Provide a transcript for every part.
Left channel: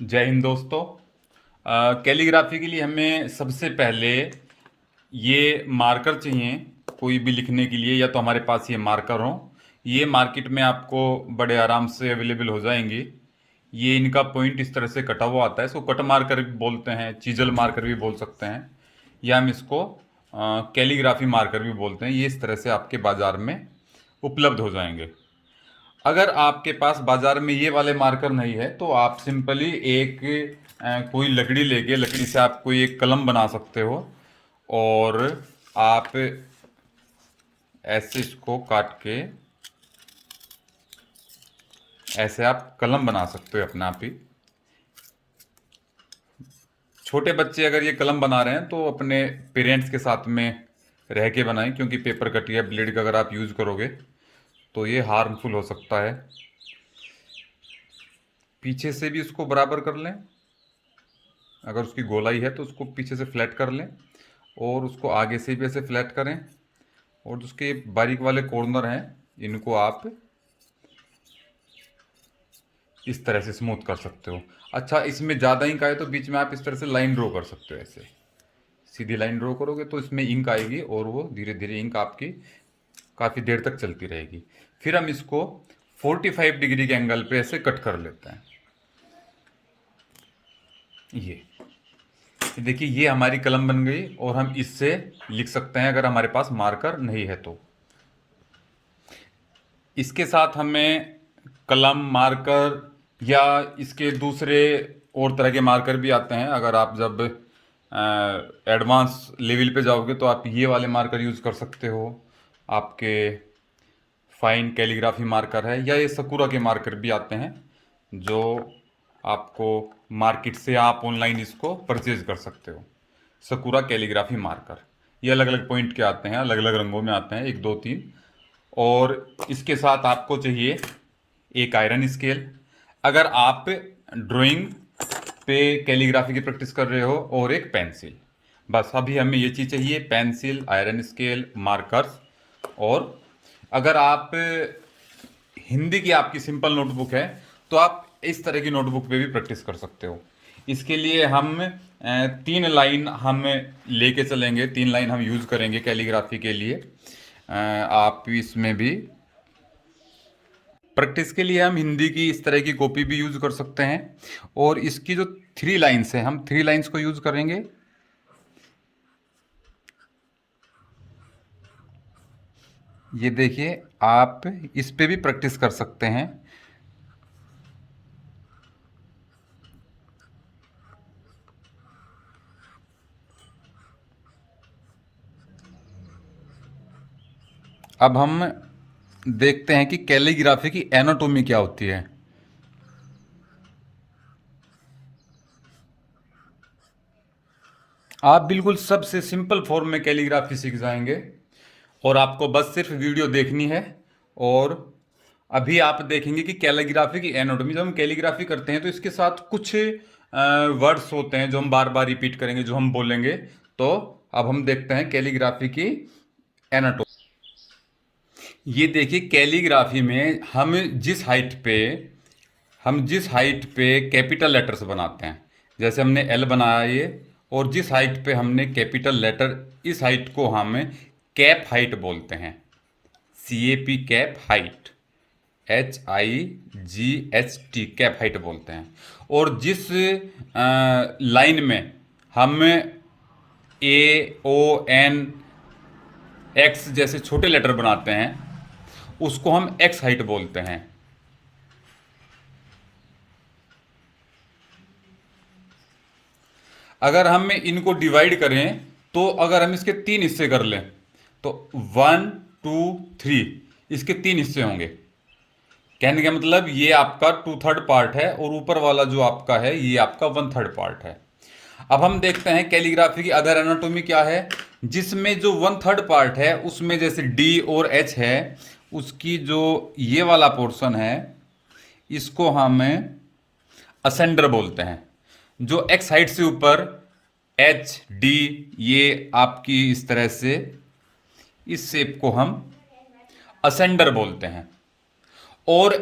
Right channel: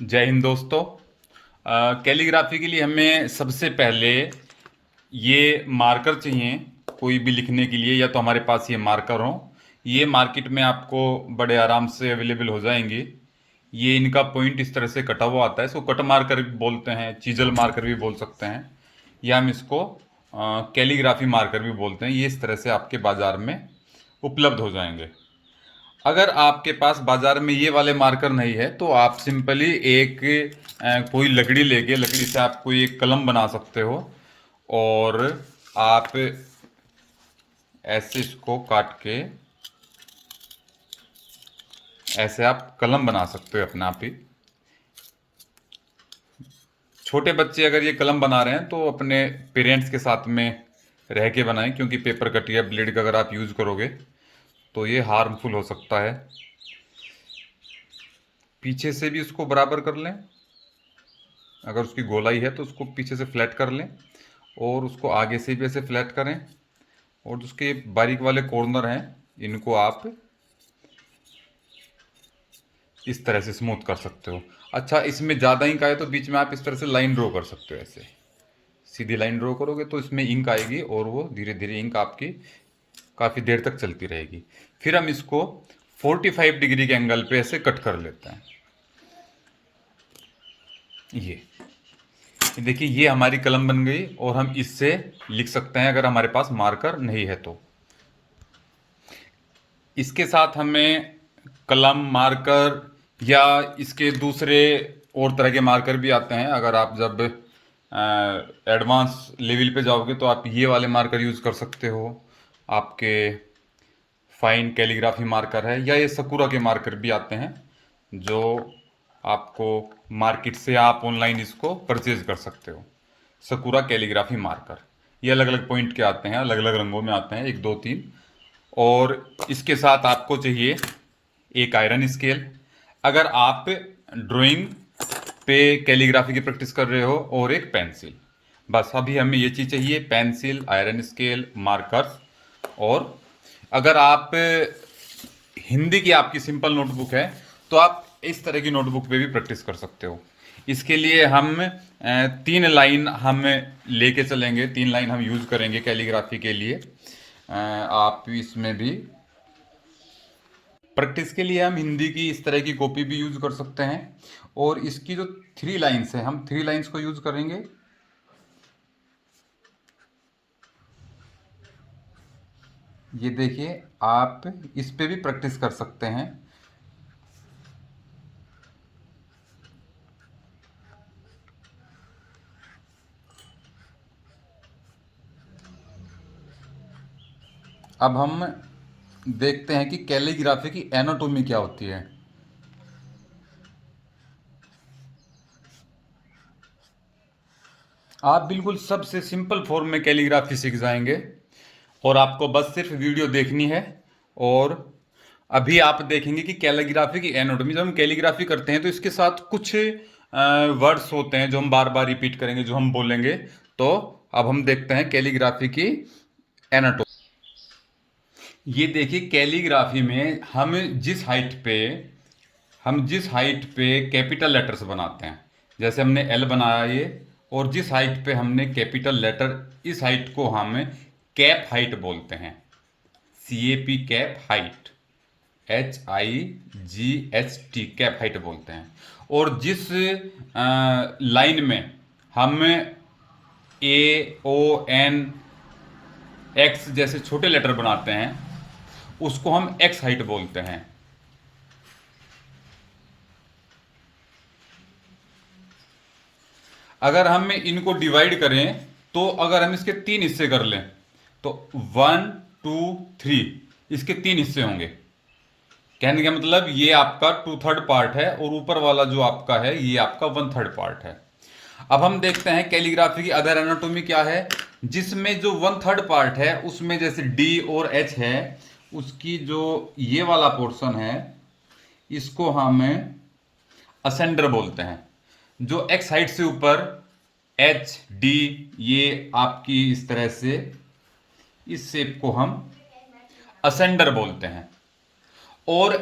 जय हिंद दोस्तों। कैलीग्राफी के लिए हमें सबसे पहले ये मार्कर चाहिए। कोई भी लिखने के लिए या तो हमारे पास ये मार्कर हो। ये मार्केट में आपको बड़े आराम से अवेलेबल हो जाएंगे। ये इनका पॉइंट इस तरह से कटा हुआ आता है, इसको कट मार्कर भी बोलते हैं, चीजल मार्कर भी बोल सकते हैं, या हम इसको कैलीग्राफी मार्कर भी बोलते हैं। ये इस तरह से आपके बाज़ार में उपलब्ध हो जाएंगे। अगर आपके पास बाजार में ये वाले मार्कर नहीं है तो आप सिंपली एक कोई लकड़ी लेके लकड़ी से आप कोई एक कलम बना सकते हो, और आप ऐसे इसको काट के ऐसे आप कलम बना सकते हो अपने आप ही। छोटे बच्चे अगर ये कलम बना रहे हैं तो अपने पेरेंट्स के साथ में रह के बनाएं, क्योंकि पेपर कट या ब्लेड का अगर आप यूज़ करोगे तो ये हार्मफुल हो सकता है। पीछे से भी उसको बराबर कर लें, अगर उसकी गोलाई है तो उसको पीछे से फ्लैट कर लें, और उसको आगे से भी ऐसे फ्लैट करें, और जो उसके बारीक वाले कॉर्नर हैं इनको आप इस तरह से स्मूथ कर सकते हो। अच्छा, इसमें ज़्यादा इंक आए तो बीच में आप इस तरह से लाइन ड्रॉ कर सकते हो। ऐसे सीधी लाइन ड्रॉ करोगे तो इसमें इंक आएगी, और वो धीरे धीरे इंक आपकी काफ़ी देर तक चलती रहेगी। फिर हम इसको 45 डिग्री के एंगल पे ऐसे कट कर लेते हैं। ये देखिए, ये हमारी कलम बन गई, और हम इससे लिख सकते हैं अगर हमारे पास मार्कर नहीं है तो। इसके साथ हमें कलम, मार्कर, या इसके दूसरे और तरह के मार्कर भी आते हैं। अगर आप जब एडवांस लेवल पे जाओगे तो आप ये वाले मार्कर यूज़ कर सकते हो। आपके फाइन कैलीग्राफी मार्कर है, या ये सकुरा के मार्कर भी आते हैं, जो आपको मार्केट से आप ऑनलाइन इसको परचेज कर सकते हो। सकुरा कैलीग्राफी मार्कर ये अलग अलग पॉइंट के आते हैं, अलग अलग रंगों में आते हैं, एक दो तीन। और इसके साथ आपको चाहिए एक आयरन स्केल, अगर आप ड्राइंग पे कैलीग्राफी की प्रैक्टिस कर रहे हो, और एक पेंसिल। बस अभी हमें ये चीज़ चाहिए: पेंसिल, आयरन स्केल, मार्कर। और अगर आप हिंदी की आपकी सिंपल नोटबुक है तो आप इस तरह की नोटबुक पे भी प्रैक्टिस कर सकते हो। इसके लिए हम 3 लाइन हम लेके चलेंगे, 3 लाइन हम यूज़ करेंगे कैलीग्राफी के लिए। आप इसमें भी प्रैक्टिस के लिए हम हिंदी की इस तरह की कॉपी भी यूज़ कर सकते हैं, और इसकी जो 3 लाइन्स हैं हम 3 लाइन्स को यूज़ करेंगे। ये देखिए, आप इस पे भी प्रैक्टिस कर सकते हैं। अब हम देखते हैं कि कैलीग्राफी की एनाटोमी क्या होती है। आप बिल्कुल सबसे सिंपल फॉर्म में कैलीग्राफी सीख जाएंगे, और आपको बस सिर्फ वीडियो देखनी है। और अभी आप देखेंगे कि कैलीग्राफी की एनाटॉमी, जब हम कैलीग्राफी करते हैं तो इसके साथ कुछ वर्ड्स होते हैं जो हम बार बार रिपीट करेंगे, जो हम बोलेंगे। तो अब हम देखते हैं कैलीग्राफी की एनाटॉमी। ये देखिए, कैलीग्राफी में हम जिस हाइट पे कैपिटल लेटर्स बनाते हैं, जैसे हमने एल बनाया ये, और जिस हाइट पे हमने कैपिटल लेटर, इस हाइट को हम कैप हाइट बोलते हैं। CAP, cap height, HIGHT, cap height बोलते हैं। और जिस लाइन में हम AON X जैसे छोटे लेटर बनाते हैं उसको हम एक्स हाइट बोलते हैं। अगर हम इनको डिवाइड करें तो अगर हम इसके 3 हिस्से कर लें तो 1 2 3, इसके 3 हिस्से होंगे। कहने का मतलब ये आपका 2/3 पार्ट है, और ऊपर वाला जो आपका है ये आपका 1/3 पार्ट है। अब हम देखते हैं कैलीग्राफी की अदर एनाटोमी क्या है, जिसमें जो 1/3 पार्ट है उसमें जैसे डी और एच है, उसकी जो ये वाला पोर्शन है इसको हम असेंडर बोलते हैं। जो एक्स हाइट से ऊपर HD, ये आपकी इस तरह से, इस शेप को हम असेंडर बोलते हैं। और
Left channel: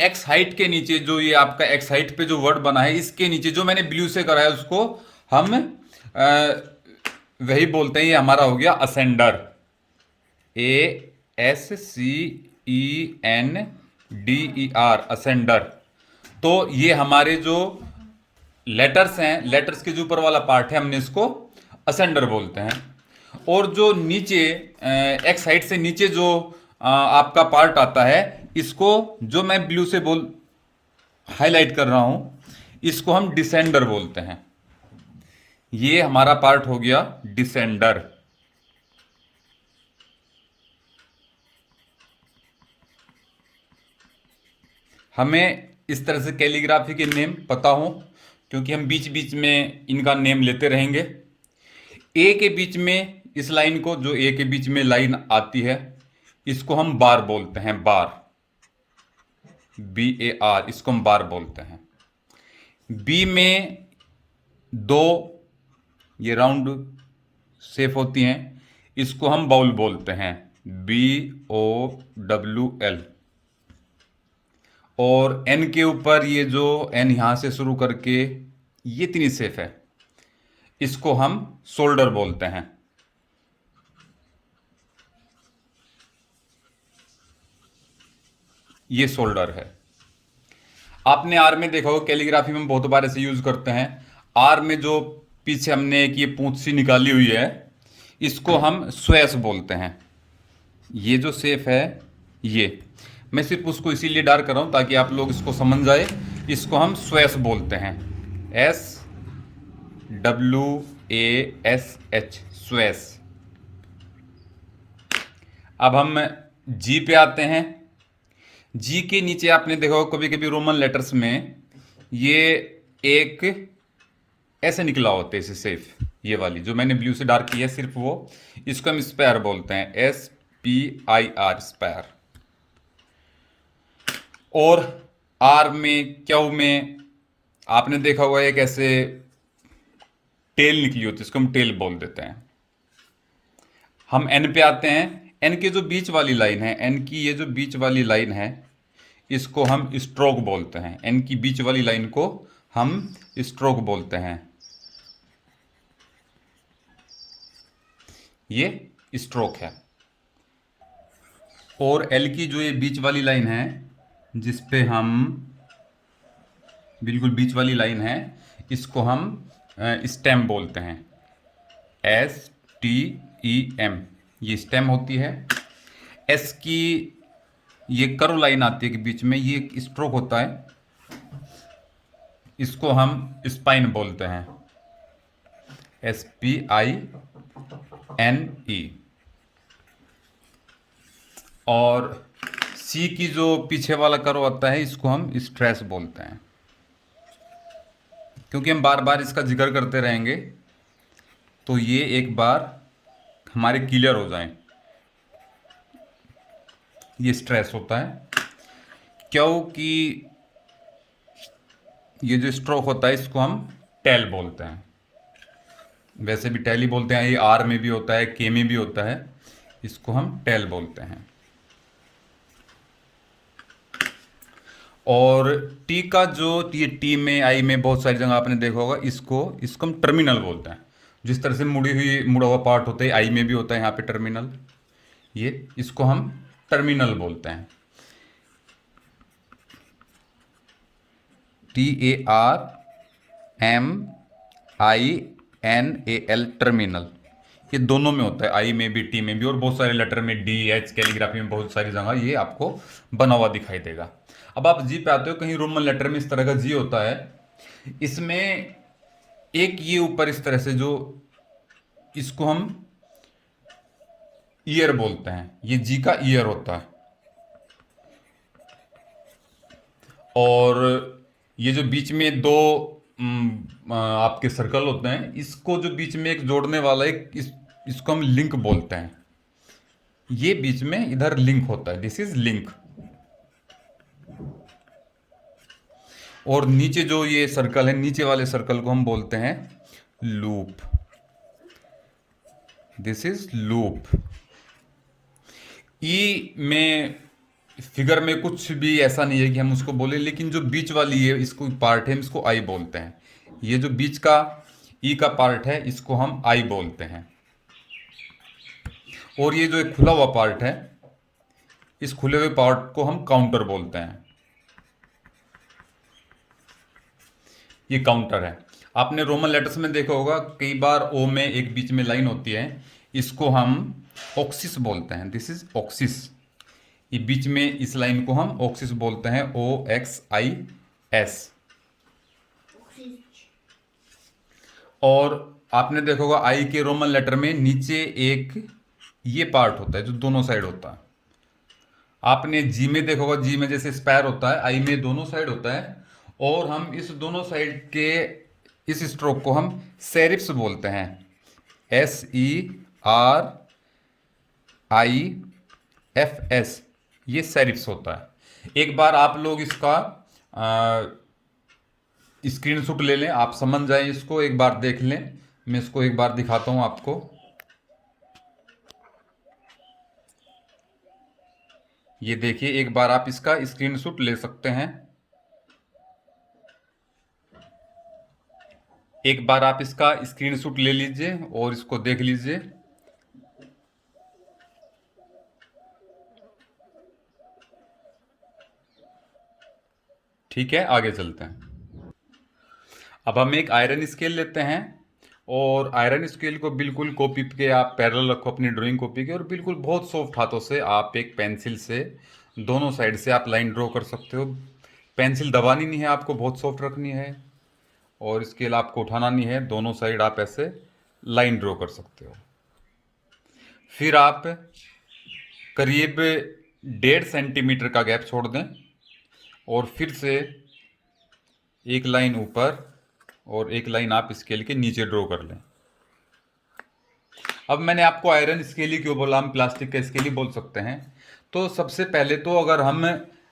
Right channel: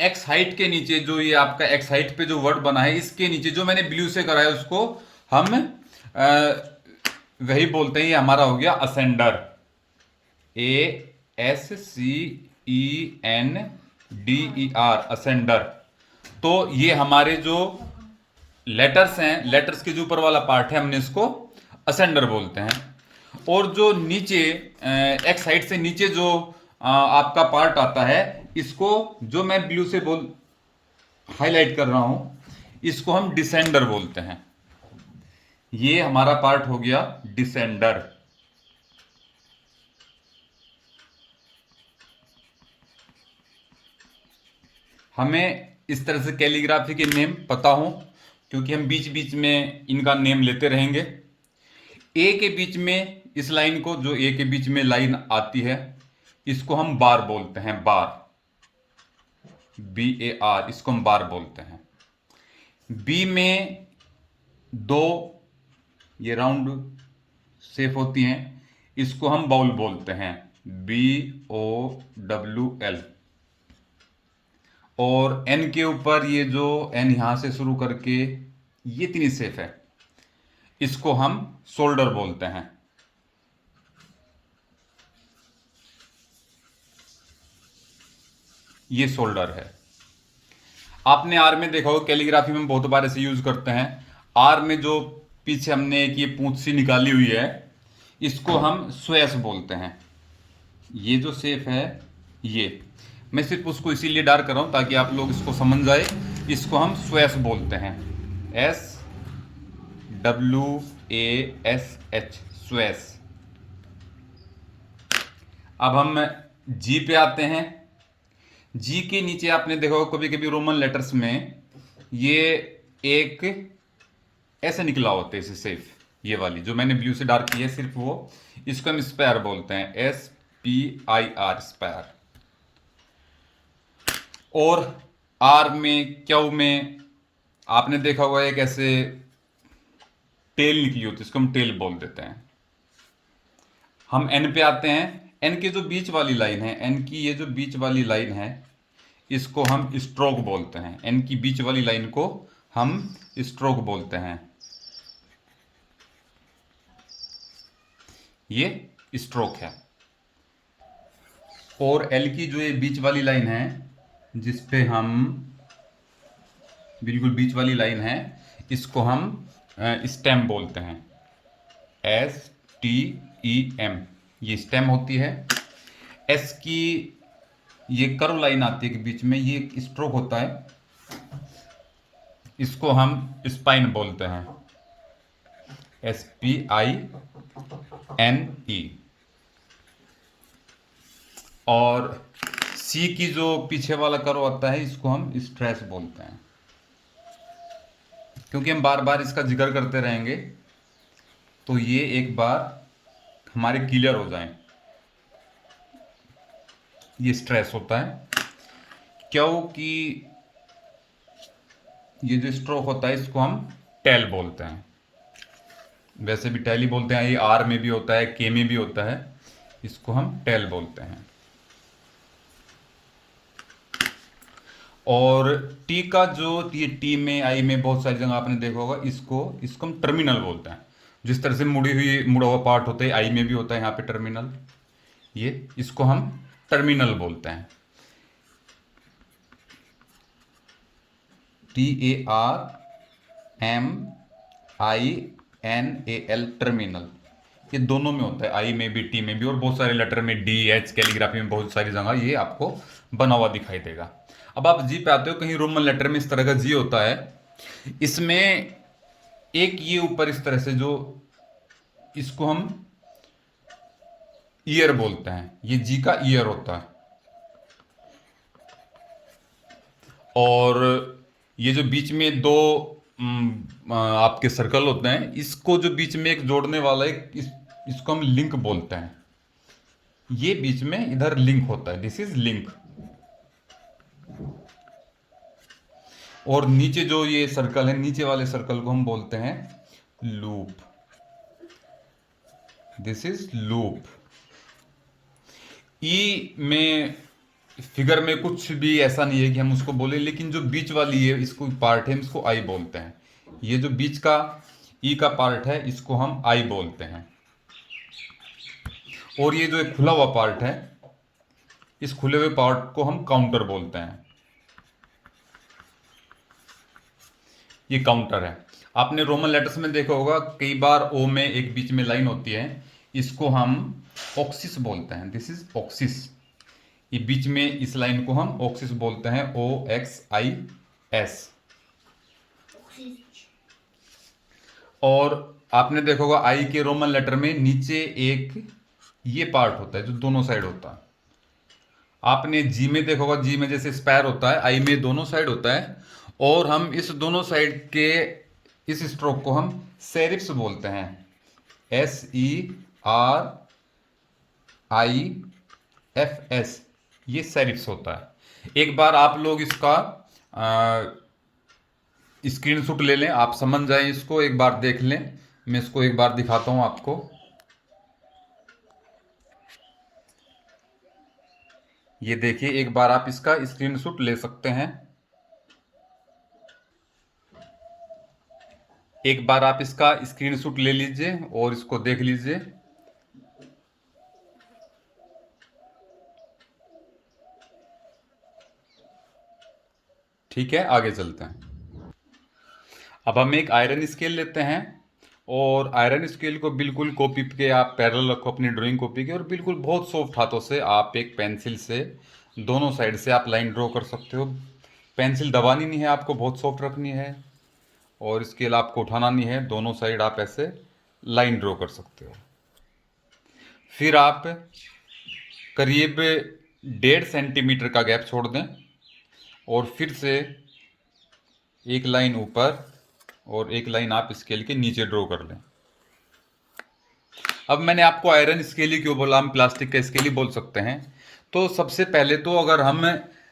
एक्स हाइट के नीचे जो ये आपका एक्स हाइट पे जो वर्ड बना है, इसके नीचे जो मैंने ब्लू से करा है उसको हम वही बोलते हैं, ये हमारा हो गया असेंडर। ASCENDER, ascender. तो ये हमारे जो लेटर्स हैं, लेटर्स के जो ऊपर वाला पार्ट है, हमने इसको असेंडर बोलते हैं। और जो नीचे एक्स साइड से नीचे जो आपका पार्ट आता है, इसको जो मैं ब्लू से हाईलाइट कर रहा हूं, इसको हम डिसेंडर बोलते हैं। ये हमारा पार्ट हो गया डिसेंडर। हमें इस तरह से कैलीग्राफी के नेम पता हो, क्योंकि हम बीच बीच में इनका नेम लेते रहेंगे। ए के बीच में इस लाइन को, जो ए के बीच में लाइन आती है, इसको हम बार बोलते हैं, बार, BAR, इसको हम बार बोलते हैं। बी में दो ये राउंड शेप होती हैं, इसको हम बाउल बोलते हैं, BOWL। और एन के ऊपर ये जो एन यहां से शुरू करके ये इतनी शेप है, इसको हम शोल्डर बोलते हैं। ये शोल्डर है। आपने आर में देखा होगा, कैलीग्राफी में हम बहुत बार ऐसे यूज करते हैं। आर में जो पीछे हमने एक ये पूंछ सी निकाली हुई है, इसको हम स्वेस बोलते हैं। ये जो शेप है, ये मैं सिर्फ उसको इसीलिए डार्क कर रहा हूं ताकि आप लोग इसको समझ जाए। इसको हम स्वेस बोलते हैं, SWASH, स्वेस। अब हम जी पे आते हैं। जी के नीचे आपने देखा होगा कभी कभी रोमन लेटर्स में ये एक ऐसे निकला होते हैं, इसे सिर्फ ये वाली जो मैंने ब्लू से डार्क की है, सिर्फ वो, इसको हम स्पेयर बोलते हैं, SPIR, स्पेयर। और आर में, क्यू में आपने देखा होगा एक ऐसे टेल निकली होती है, इसको हम टेल बोल देते हैं। हम एन पे आते हैं। एन की जो बीच वाली लाइन है, एन की ये जो बीच वाली लाइन है, इसको हम स्ट्रोक बोलते हैं। एन की बीच वाली लाइन को हम स्ट्रोक बोलते हैं, ये स्ट्रोक है। और एल की जो ये बीच वाली लाइन है, जिस पे हम बिल्कुल बीच वाली लाइन है, इसको हम स्टेम बोलते हैं, STEM, ये स्टेम होती है। एस की ये कर्व लाइन आती है कि बीच में ये एक स्ट्रोक होता है, इसको हम स्पाइन बोलते हैं, SPINE। और सी की जो पीछे वाला कर्व आता है, इसको हम स्ट्रेस बोलते हैं। क्योंकि हम बार बार इसका जिक्र करते रहेंगे, तो ये एक बार हमारे क्लियर हो जाए। ये स्ट्रेस होता है, क्योंकि ये जो स्ट्रोक होता है, इसको हम टेल बोलते हैं। वैसे भी टेल ही बोलते हैं, ये आर में भी होता है, के में भी होता है, इसको हम टेल बोलते हैं। और टी का जो, ये टी में, आई में बहुत सारी जगह आपने देखा होगा, इसको इसको हम टर्मिनल बोलते हैं। जिस तरह से मुड़ा हुआ पार्ट होता है, आई में भी होता है यहाँ पे टर्मिनल, ये इसको हम टर्मिनल बोलते हैं, TARMINAL, टर्मिनल। ये दोनों में होता है, आई में भी, टी में भी, और बहुत सारे लेटर में, DH, कैलीग्राफी में बहुत सारी जगह ये आपको बना हुआ दिखाई देगा। अब आप जी पे आते हो, कहीं रोमन लेटर में इस तरह का जी होता है, इसमें एक ये ऊपर इस तरह से जो, इसको हम ईयर बोलते हैं, ये जी का ईयर होता है। और ये जो बीच में दो आपके सर्कल होते हैं, इसको जो बीच में एक जोड़ने वाला एक इसको हम लिंक बोलते हैं। ये बीच में इधर लिंक होता है, दिस इज लिंक। और नीचे जो ये सर्कल है, नीचे वाले सर्कल को हम बोलते हैं लूप, दिस इज लूप। ई में फिगर में कुछ भी ऐसा नहीं है कि हम उसको बोले, लेकिन जो बीच वाली है इसको पार्ट है, इसको आई बोलते हैं। ये जो बीच का ई का पार्ट है इसको हम आई बोलते हैं। और ये जो एक खुला हुआ पार्ट है, इस खुले हुए पार्ट को हम काउंटर बोलते हैं। ये काउंटर है। आपने रोमन लेटर्स में देखा होगा कई बार ओ में एक बीच में लाइन होती है, इसको हम ऑक्सिस बोलते हैं। This is oxes. ये बीच में इस लाइन को हम ऑक्सिस बोलते हैं, OXIS। और आपने देखा होगा आई के रोमन लेटर में नीचे एक ये पार्ट होता है जो दोनों साइड होता है। आपने जी में देखा होगा, जी में जैसे स्पैर होता है, आई में दोनों साइड होता है। और हम इस दोनों साइड के इस स्ट्रोक को हम सेरिफ्स बोलते हैं, SERIFS। ये सेरिफ्स होता है। एक बार आप लोग इसका स्क्रीनशॉट ले लें, आप समझ जाएं इसको, एक बार देख लें। मैं इसको एक बार दिखाता हूं आपको। ये देखिए, एक बार आप इसका स्क्रीनशॉट ले सकते हैं। एक बार आप इसका स्क्रीनशॉट ले लीजिए और इसको देख लीजिए। ठीक है, आगे चलते हैं। अब हम एक आयरन स्केल लेते हैं और आयरन स्केल को बिल्कुल कॉपी पे आप पैरेलल रखो अपनी ड्राइंग कॉपी के, और बिल्कुल बहुत सॉफ्ट हाथों से आप एक पेंसिल से दोनों साइड से आप लाइन ड्रॉ कर सकते हो। पेंसिल दबानी नहीं है आपको, बहुत सॉफ्ट रखनी है। और स्केल आपको उठाना नहीं है, दोनों साइड आप ऐसे लाइन ड्रॉ कर सकते हो। फिर आप करीब 1.5 सेंटीमीटर का गैप छोड़ दें और फिर से एक लाइन ऊपर और एक लाइन आप स्केल के नीचे ड्रॉ कर लें। अब मैंने आपको आयरन स्केल ही क्यों बोला, हम प्लास्टिक का स्केल ही बोल सकते हैं। तो सबसे पहले तो अगर हम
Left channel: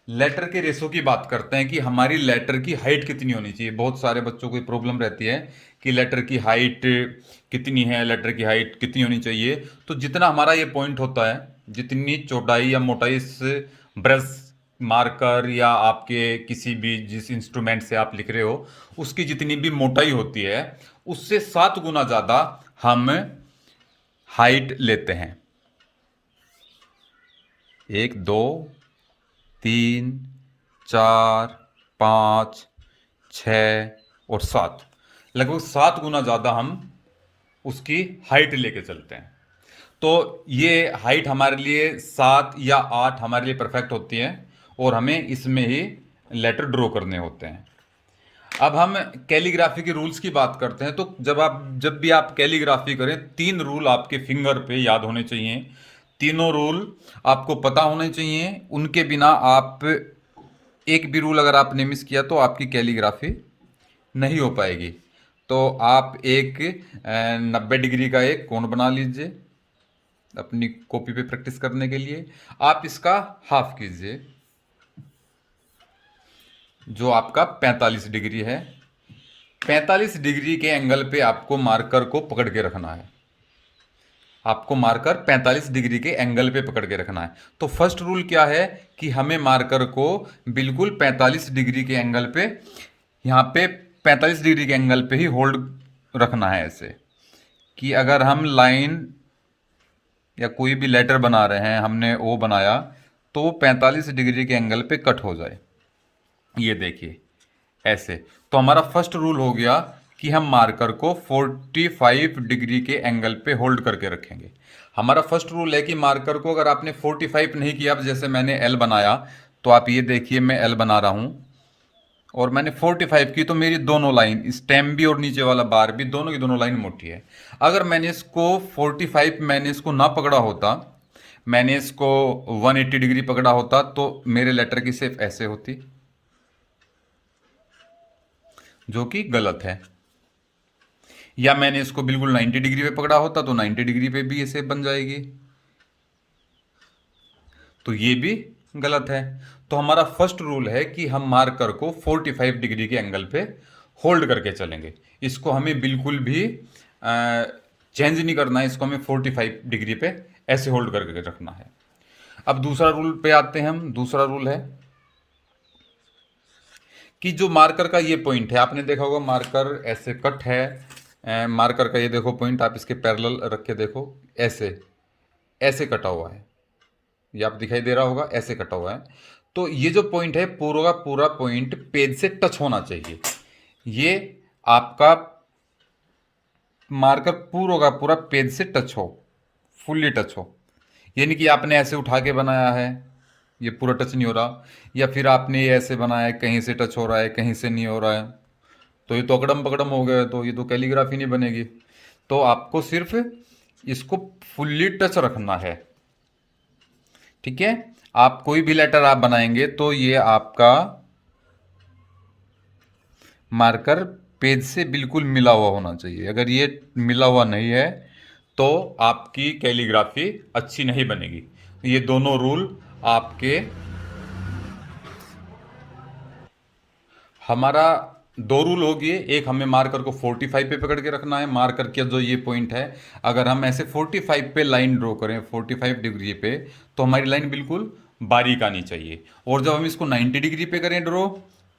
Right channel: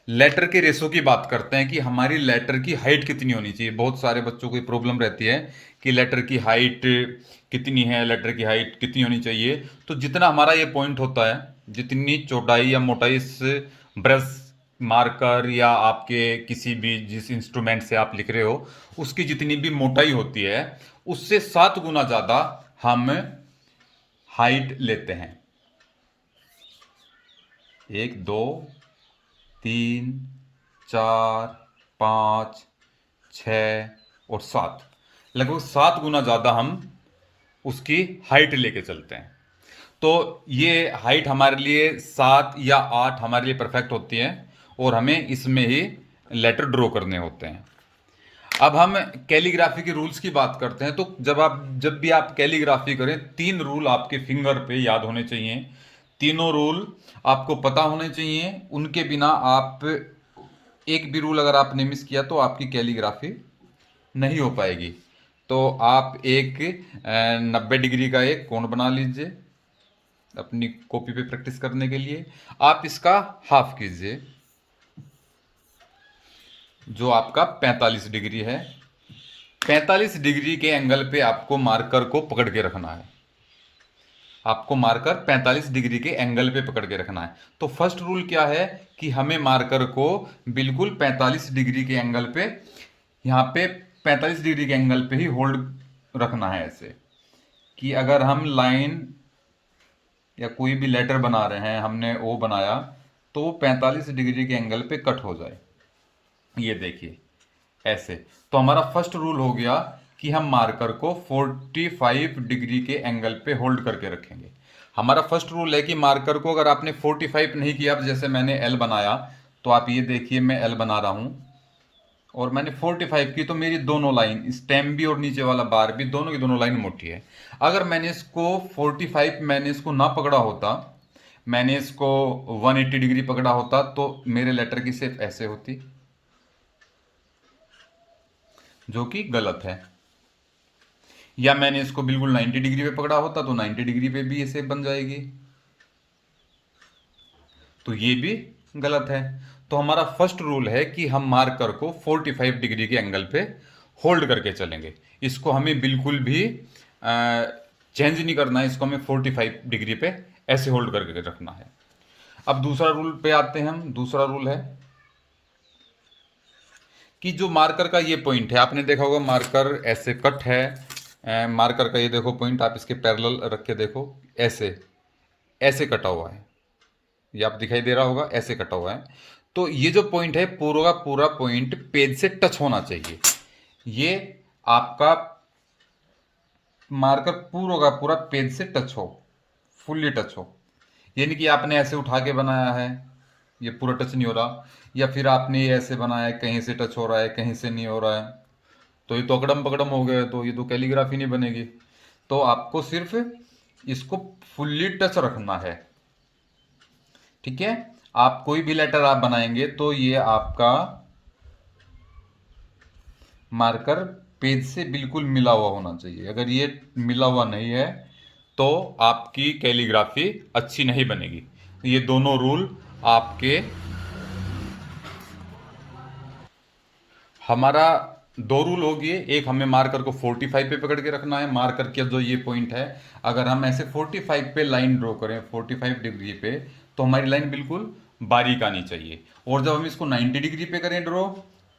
लेटर के रेशो की बात करते हैं कि हमारी लेटर की हाइट कितनी होनी चाहिए, बहुत सारे बच्चों को प्रॉब्लम रहती है कि लेटर की हाइट कितनी है, लेटर की हाइट कितनी होनी चाहिए। तो जितना हमारा ये पॉइंट होता है, जितनी चौड़ाई या मोटाई इस ब्रश, मार्कर या आपके किसी भी जिस इंस्ट्रूमेंट से आप लिख रहे हो उसकी जितनी भी मोटाई होती है, उससे 7 गुना ज़्यादा हम हाइट लेते हैं। 1 2 3 4 5 6 और 7, लगभग 7 गुना ज़्यादा हम उसकी हाइट लेके चलते हैं। तो ये हाइट हमारे लिए 7 या 8 हमारे लिए परफेक्ट होती है और हमें इसमें ही लेटर ड्रॉ करने होते हैं। अब हम कैलीग्राफी के रूल्स की बात करते हैं। तो जब भी आप कैलीग्राफी करें, 3 रूल आपके फिंगर पे याद होने चाहिए। तीनों रूल आपको पता होने चाहिए, उनके बिना आप एक भी रूल अगर आपने मिस किया तो आपकी कैलीग्राफी नहीं हो पाएगी। तो आप एक 90 डिग्री का एक कोण बना लीजिए अपनी कॉपी पे प्रैक्टिस करने के लिए। आप इसका हाफ कीजिए, जो आपका 45 डिग्री है। 45 डिग्री के एंगल पे आपको मार्कर को पकड़ के रखना है। आपको मार्कर 45 डिग्री के एंगल पे पकड़ के रखना है। तो फर्स्ट रूल क्या है कि हमें मार्कर को बिल्कुल 45 डिग्री के एंगल पे, यहाँ पे 45 डिग्री के एंगल पे ही होल्ड रखना है, ऐसे कि अगर हम लाइन या कोई भी लेटर बना रहे हैं, हमने ओ बनाया, तो वो 45 डिग्री के एंगल पे कट हो जाए। ये देखिए ऐसे। तो हमारा फर्स्ट रूल हो गया कि हम मार्कर को 45 डिग्री के एंगल पे होल्ड करके रखेंगे। हमारा फर्स्ट रूल है कि मार्कर को अगर आपने 45 नहीं किया, जैसे मैंने एल बनाया, तो आप ये देखिए मैं एल बना रहा हूँ और मैंने 45 की, तो मेरी दोनों लाइन, स्टेम भी और नीचे वाला बार भी, दोनों की दोनों लाइन मोटी है। अगर मैंने इसको 45 मैंने इसको ना पकड़ा होता, मैंने इसको 180 डिग्री पकड़ा होता, तो मेरे लेटर की शेप ऐसे होती, जो कि गलत है। या मैंने इसको बिल्कुल 90 डिग्री पे पकड़ा होता तो 90 डिग्री पे भी ये शेप बन जाएगी, तो ये भी गलत है। तो हमारा फर्स्ट रूल है कि हम मार्कर को 45 डिग्री के एंगल पे होल्ड करके चलेंगे। इसको हमें बिल्कुल भी चेंज नहीं करना है, इसको हमें 45 डिग्री पे ऐसे होल्ड करके रखना है। अब दूसरा रूल पे आते हैं हम। दूसरा रूल है कि जो मार्कर का ये पॉइंट है, आपने देखा होगा मार्कर ऐसे कट है, मार्कर का ये देखो पॉइंट, आप इसके पैरेलल रख के देखो, ऐसे ऐसे कटा हुआ है, ये आप दिखाई दे रहा होगा, ऐसे कटा हुआ है। तो ये जो पॉइंट है पूरा का पूरा पॉइंट पेज से टच होना चाहिए। ये आपका मार्कर पूरा का पूरा पेज से टच हो, फुल्ली टच हो। ये नहीं कि आपने ऐसे उठा के बनाया है, ये पूरा टच नहीं हो रहा, या फिर आपने ये ऐसे बनाया है, कहीं से टच हो रहा है कहीं से नहीं हो रहा है, तो ये तो अकड़म पकड़म हो गया, तो ये तो कैलीग्राफी नहीं बनेगी। तो आपको सिर्फ इसको फुल्ली टच रखना है, ठीक है। आप कोई भी लेटर आप बनाएंगे तो ये आपका मार्कर पेज से बिल्कुल मिला हुआ होना चाहिए। अगर ये मिला हुआ नहीं है तो आपकी कैलीग्राफी अच्छी नहीं बनेगी। ये दोनों रूल आपके, हमारा दो रूल हो गए। एक, हमें मार्कर को 45 पे पकड़ के रखना है। मार्कर के जो ये पॉइंट है, अगर हम ऐसे 45 पे लाइन ड्रॉ करें 45 डिग्री पे, तो हमारी लाइन बिल्कुल बारीक आनी चाहिए। और जब हम इसको 90 डिग्री पे करें ड्रॉ,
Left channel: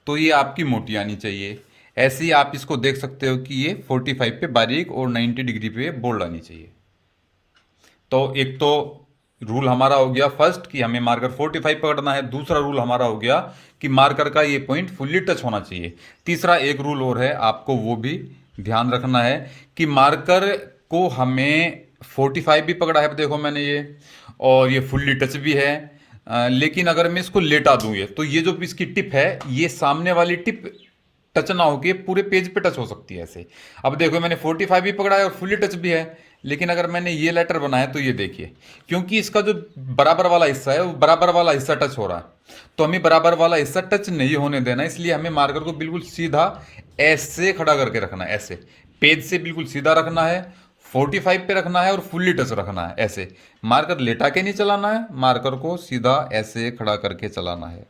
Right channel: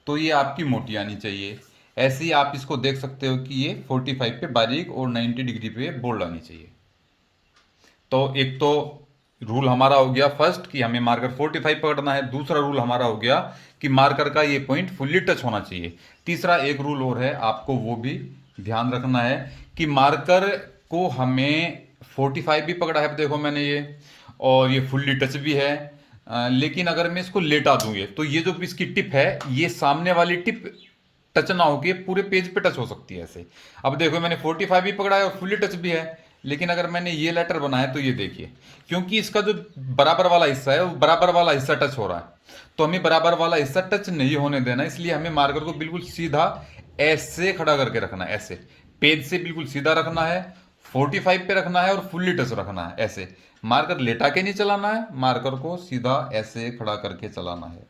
तो ये आपकी मोटी आनी चाहिए। ऐसे ही आप इसको देख सकते हो कि ये 45 पे बारीक और 90 डिग्री पे बोल्ड आनी चाहिए। तो एक तो रूल हमारा हो गया फर्स्ट कि हमें मार्कर 45 पकड़ना है। दूसरा रूल हमारा हो गया कि मार्कर का ये पॉइंट फुल्ली टच होना चाहिए। तीसरा एक रूल और है, आपको वो भी ध्यान रखना है कि मार्कर को हमें 45 भी पकड़ा है, देखो मैंने ये, और ये फुल्ली टच भी है। लेकिन अगर मैं इसको लेटा दूं, ये तो ये जो इसकी टिप है, ये सामने वाली टिप टच ना होके पूरे पेज पे टच हो सकती है ऐसे। अब देखो मैंने 45 भी पकड़ा है और फुल्ली टच भी है, लेकिन अगर मैंने ये लेटर बनाया तो ये देखिए, क्योंकि इसका जो बराबर वाला हिस्सा है वो बराबर वाला हिस्सा टच हो रहा है, तो हमें बराबर वाला हिस्सा टच नहीं होने देना। इसलिए हमें मार्कर को बिल्कुल सीधा ऐसे खड़ा करके रखना है, ऐसे पेज से बिल्कुल सीधा रखना है, 45 पे रखना है और फुल्ली टच रखना है। ऐसे मार्कर लेटा के नहीं चलाना है, मार्कर को सीधा ऐसे खड़ा करके चलाना है।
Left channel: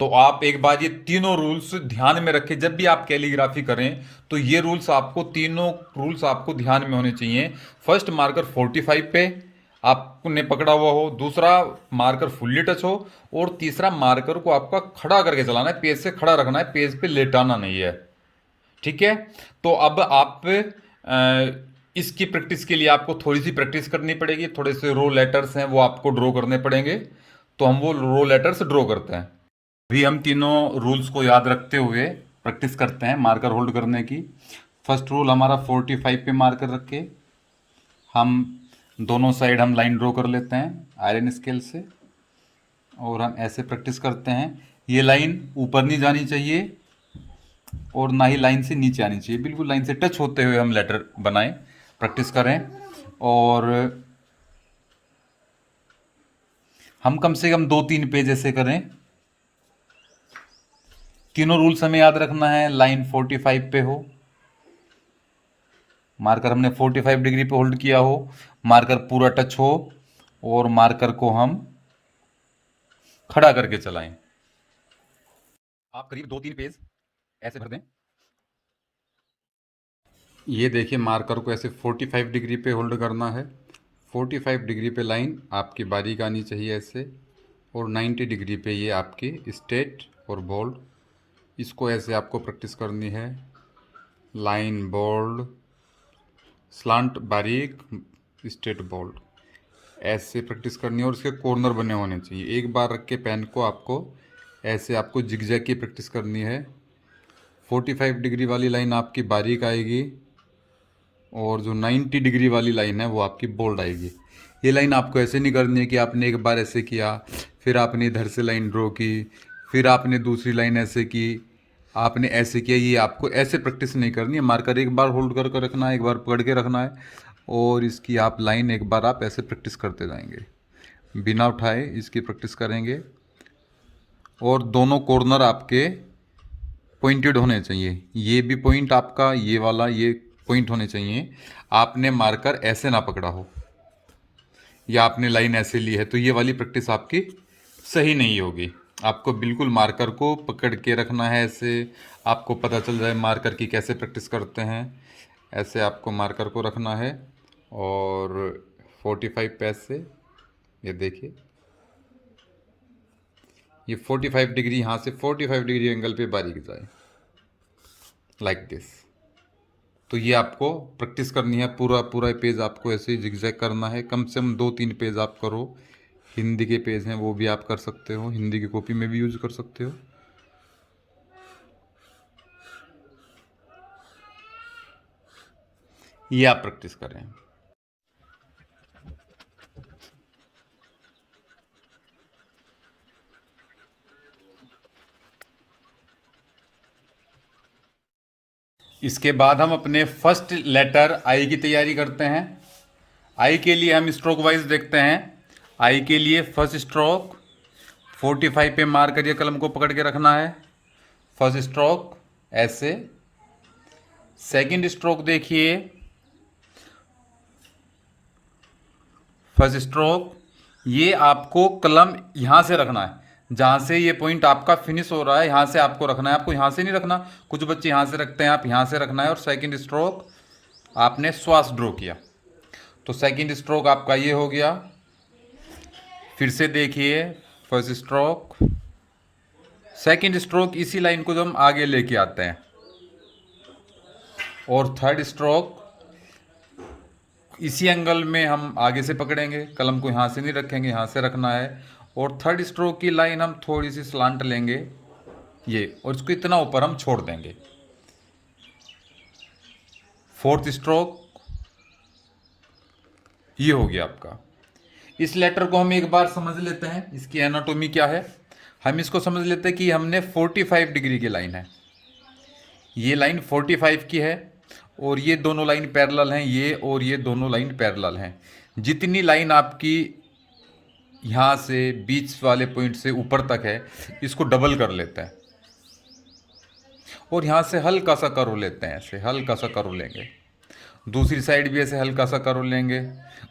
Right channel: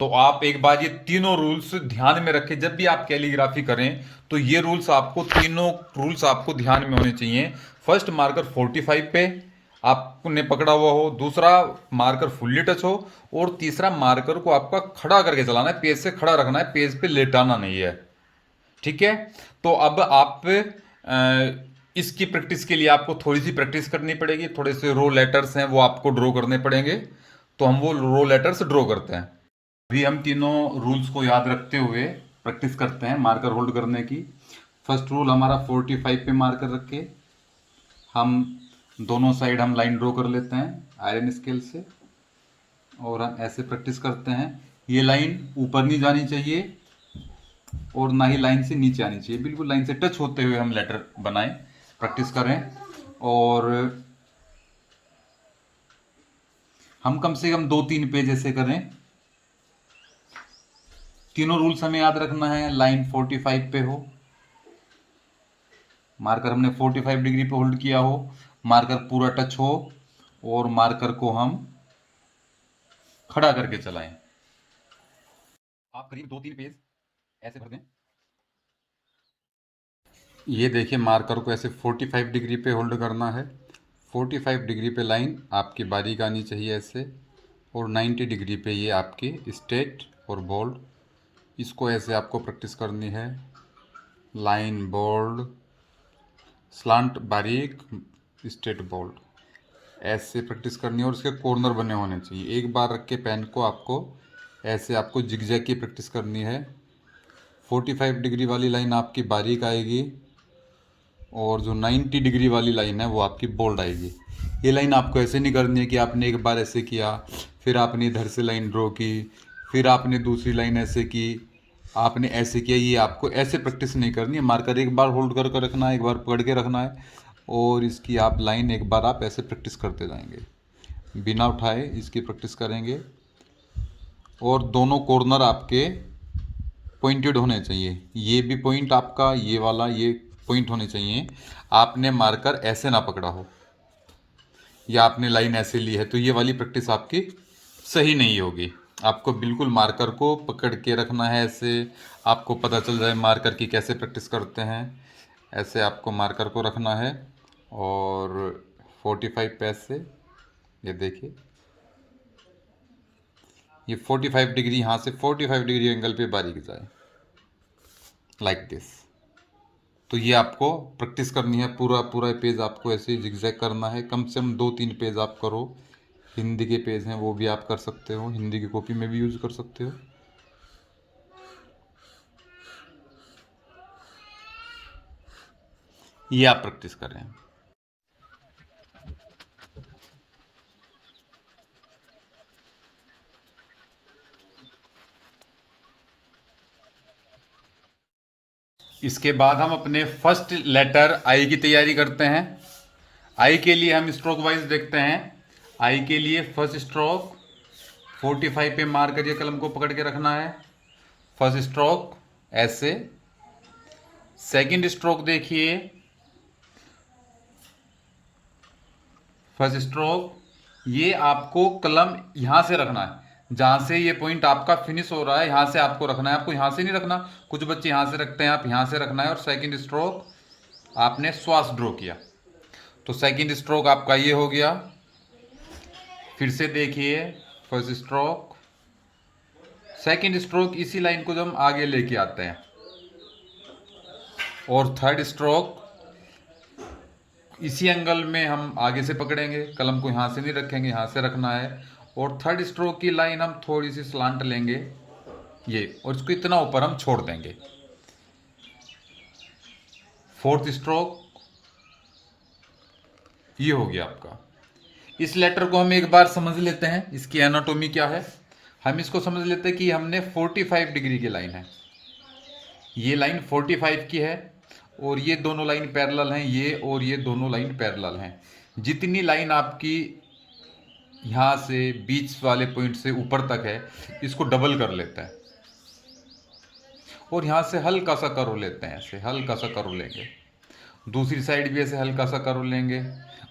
तो आप एक बार ये तीनों रूल्स ध्यान में रखें, जब भी आप कैलीग्राफी करें तो ये रूल्स आपको, तीनों रूल्स आपको ध्यान में होने चाहिए। फर्स्ट, मार्कर 45 पे आपने पकड़ा हुआ हो। दूसरा, मार्कर फुल्ली टच हो। और तीसरा, मार्कर को आपका खड़ा करके चलाना है, पेज से खड़ा रखना है, पेज पे लेटाना नहीं है, ठीक है। तो अब आप इसकी प्रैक्टिस के लिए आपको थोड़ी सी प्रैक्टिस करनी पड़ेगी। थोड़े से रो लेटर्स हैं वो आपको ड्रॉ करने पड़ेंगे, तो हम वो रो लेटर्स ड्रॉ करते हैं। अभी हम तीनों रूल्स को याद रखते हुए प्रैक्टिस करते हैं मार्कर होल्ड करने की। फर्स्ट रूल हमारा 45 पे मार्कर रख के हम दोनों साइड हम लाइन ड्रॉ कर लेते हैं आयरन स्केल से, और हम ऐसे प्रैक्टिस करते हैं। ये लाइन ऊपर नहीं जानी चाहिए और ना ही लाइन से नीचे आनी चाहिए, बिल्कुल लाइन से टच होते हुए हम लेटर बनाएं, प्रैक्टिस करें। और हम कम से कम 2-3 पेज ऐसे करें। तीनों रूल्स हमें याद रखना है। लाइन 45 पे हो, मार्कर हमने 45 डिग्री पे होल्ड किया हो, मार्कर पूरा टच हो, और मार्कर को हम खड़ा करके चलाएं। आप करीब 2-3 पेज ऐसे भर दें। ये देखिए, मार्कर को ऐसे 45 डिग्री पे होल्ड करना है। 45 डिग्री पे लाइन आपकी बारीक आनी चाहिए ऐसे, और 90 डिग्री पे ये आपकी स्ट्रेट और बोल्ड। इसको ऐसे आपको प्रैक्टिस करनी है, लाइन बोल्ड, स्लांट बारीक, स्ट्रेट बोल्ड, ऐसे प्रैक्टिस करनी है। और उसके कॉर्नर बने होने चाहिए। एक बार रख के पेन को आपको ऐसे आपको जिगजैग की प्रैक्टिस करनी है। 45 डिग्री वाली लाइन आपकी बारीक आएगी, और जो 90 डिग्री वाली लाइन है वो आपकी बोल्ड आएगी। ये लाइन आपको ऐसे नहीं करनी है कि आपने एक बार ऐसे किया, फिर आपने इधर से लाइन ड्रॉ की, फिर आपने दूसरी लाइन ऐसे की, आपने ऐसे किया। ये आपको ऐसे प्रैक्टिस नहीं करनी है। मार्कर एक बार होल्ड कर रखना है, एक बार पकड़ के रखना है, और इसकी आप लाइन एक बार आप ऐसे प्रैक्टिस करते जाएंगे, बिना उठाए इसकी प्रैक्टिस करेंगे। और दोनों कॉर्नर आपके पॉइंटेड होने चाहिए। ये भी पॉइंट आपका, ये वाला ये पॉइंट होने चाहिए। आपने मार्कर ऐसे ना पकड़ा हो, या आपने लाइन ऐसे ली है, तो ये वाली प्रैक्टिस आपकी सही नहीं होगी। आपको बिल्कुल मार्कर को पकड़ के रखना है ऐसे, आपको पता चल जाए मार्कर की कैसे प्रैक्टिस करते हैं। ऐसे आपको मार्कर को रखना है, और 45 पे ऐसे, ये देखिए ये 45 डिग्री, यहाँ से 45 डिग्री एंगल पे बारीक जाए, लाइक दिस। तो ये आपको प्रैक्टिस करनी है, पूरा पूरा पेज आपको ऐसे जिगजैग करना है, कम से कम 2-3 पेज आप करो। हिंदी के पेज हैं वो भी आप कर सकते हो, हिंदी की कॉपी में भी यूज़ कर सकते हो। ये आप प्रैक्टिस करें। इसके बाद हम अपने फर्स्ट लेटर आई की तैयारी करते हैं। आई के लिए हम स्ट्रोक वाइज देखते हैं। आई के लिए फर्स्ट स्ट्रोक 45 पे मार करिए, कलम को पकड़ के रखना है। फर्स्ट स्ट्रोक ऐसे। सेकंड स्ट्रोक देखिए, फर्स्ट स्ट्रोक ये आपको कलम यहाँ से रखना है, जहाँ से ये पॉइंट आपका फिनिश हो रहा है यहाँ से आपको रखना है। आपको यहाँ से नहीं रखना, कुछ बच्चे यहाँ से रखते हैं, आप यहाँ से रखना है। और सेकंड स्ट्रोक आपने श्वास ड्रॉ किया, तो सेकंड स्ट्रोक आपका ये हो गया। फिर से देखिए, फर्स्ट स्ट्रोक, सेकंड स्ट्रोक इसी लाइन को जब हम आगे लेके आते हैं। और थर्ड स्ट्रोक इसी एंगल में हम आगे से पकड़ेंगे, कलम को यहाँ से नहीं रखेंगे, यहाँ से रखना है। और थर्ड स्ट्रोक की लाइन हम थोड़ी सी स्लांट लेंगे ये, और इसको इतना ऊपर हम छोड़ देंगे। फोर्थ स्ट्रोक ये हो गया आपका। इस लेटर को हम एक बार समझ लेते हैं, इसकी एनाटॉमी क्या है। हम इसको समझ लेते हैं कि हमने 45 डिग्री की लाइन है, ये लाइन 45 की है, और ये दोनों लाइन पैरेलल हैं, ये और ये दोनों लाइन पैरेलल हैं। जितनी लाइन आपकी यहाँ से बीच वाले पॉइंट से ऊपर तक है, इसको डबल कर लेते हैं, और यहाँ से हल्का सा कर्व लेते हैं, ऐसे हल्का सा कर्व लेंगे। दूसरी साइड भी ऐसे हल्का सा कर्व लेंगे,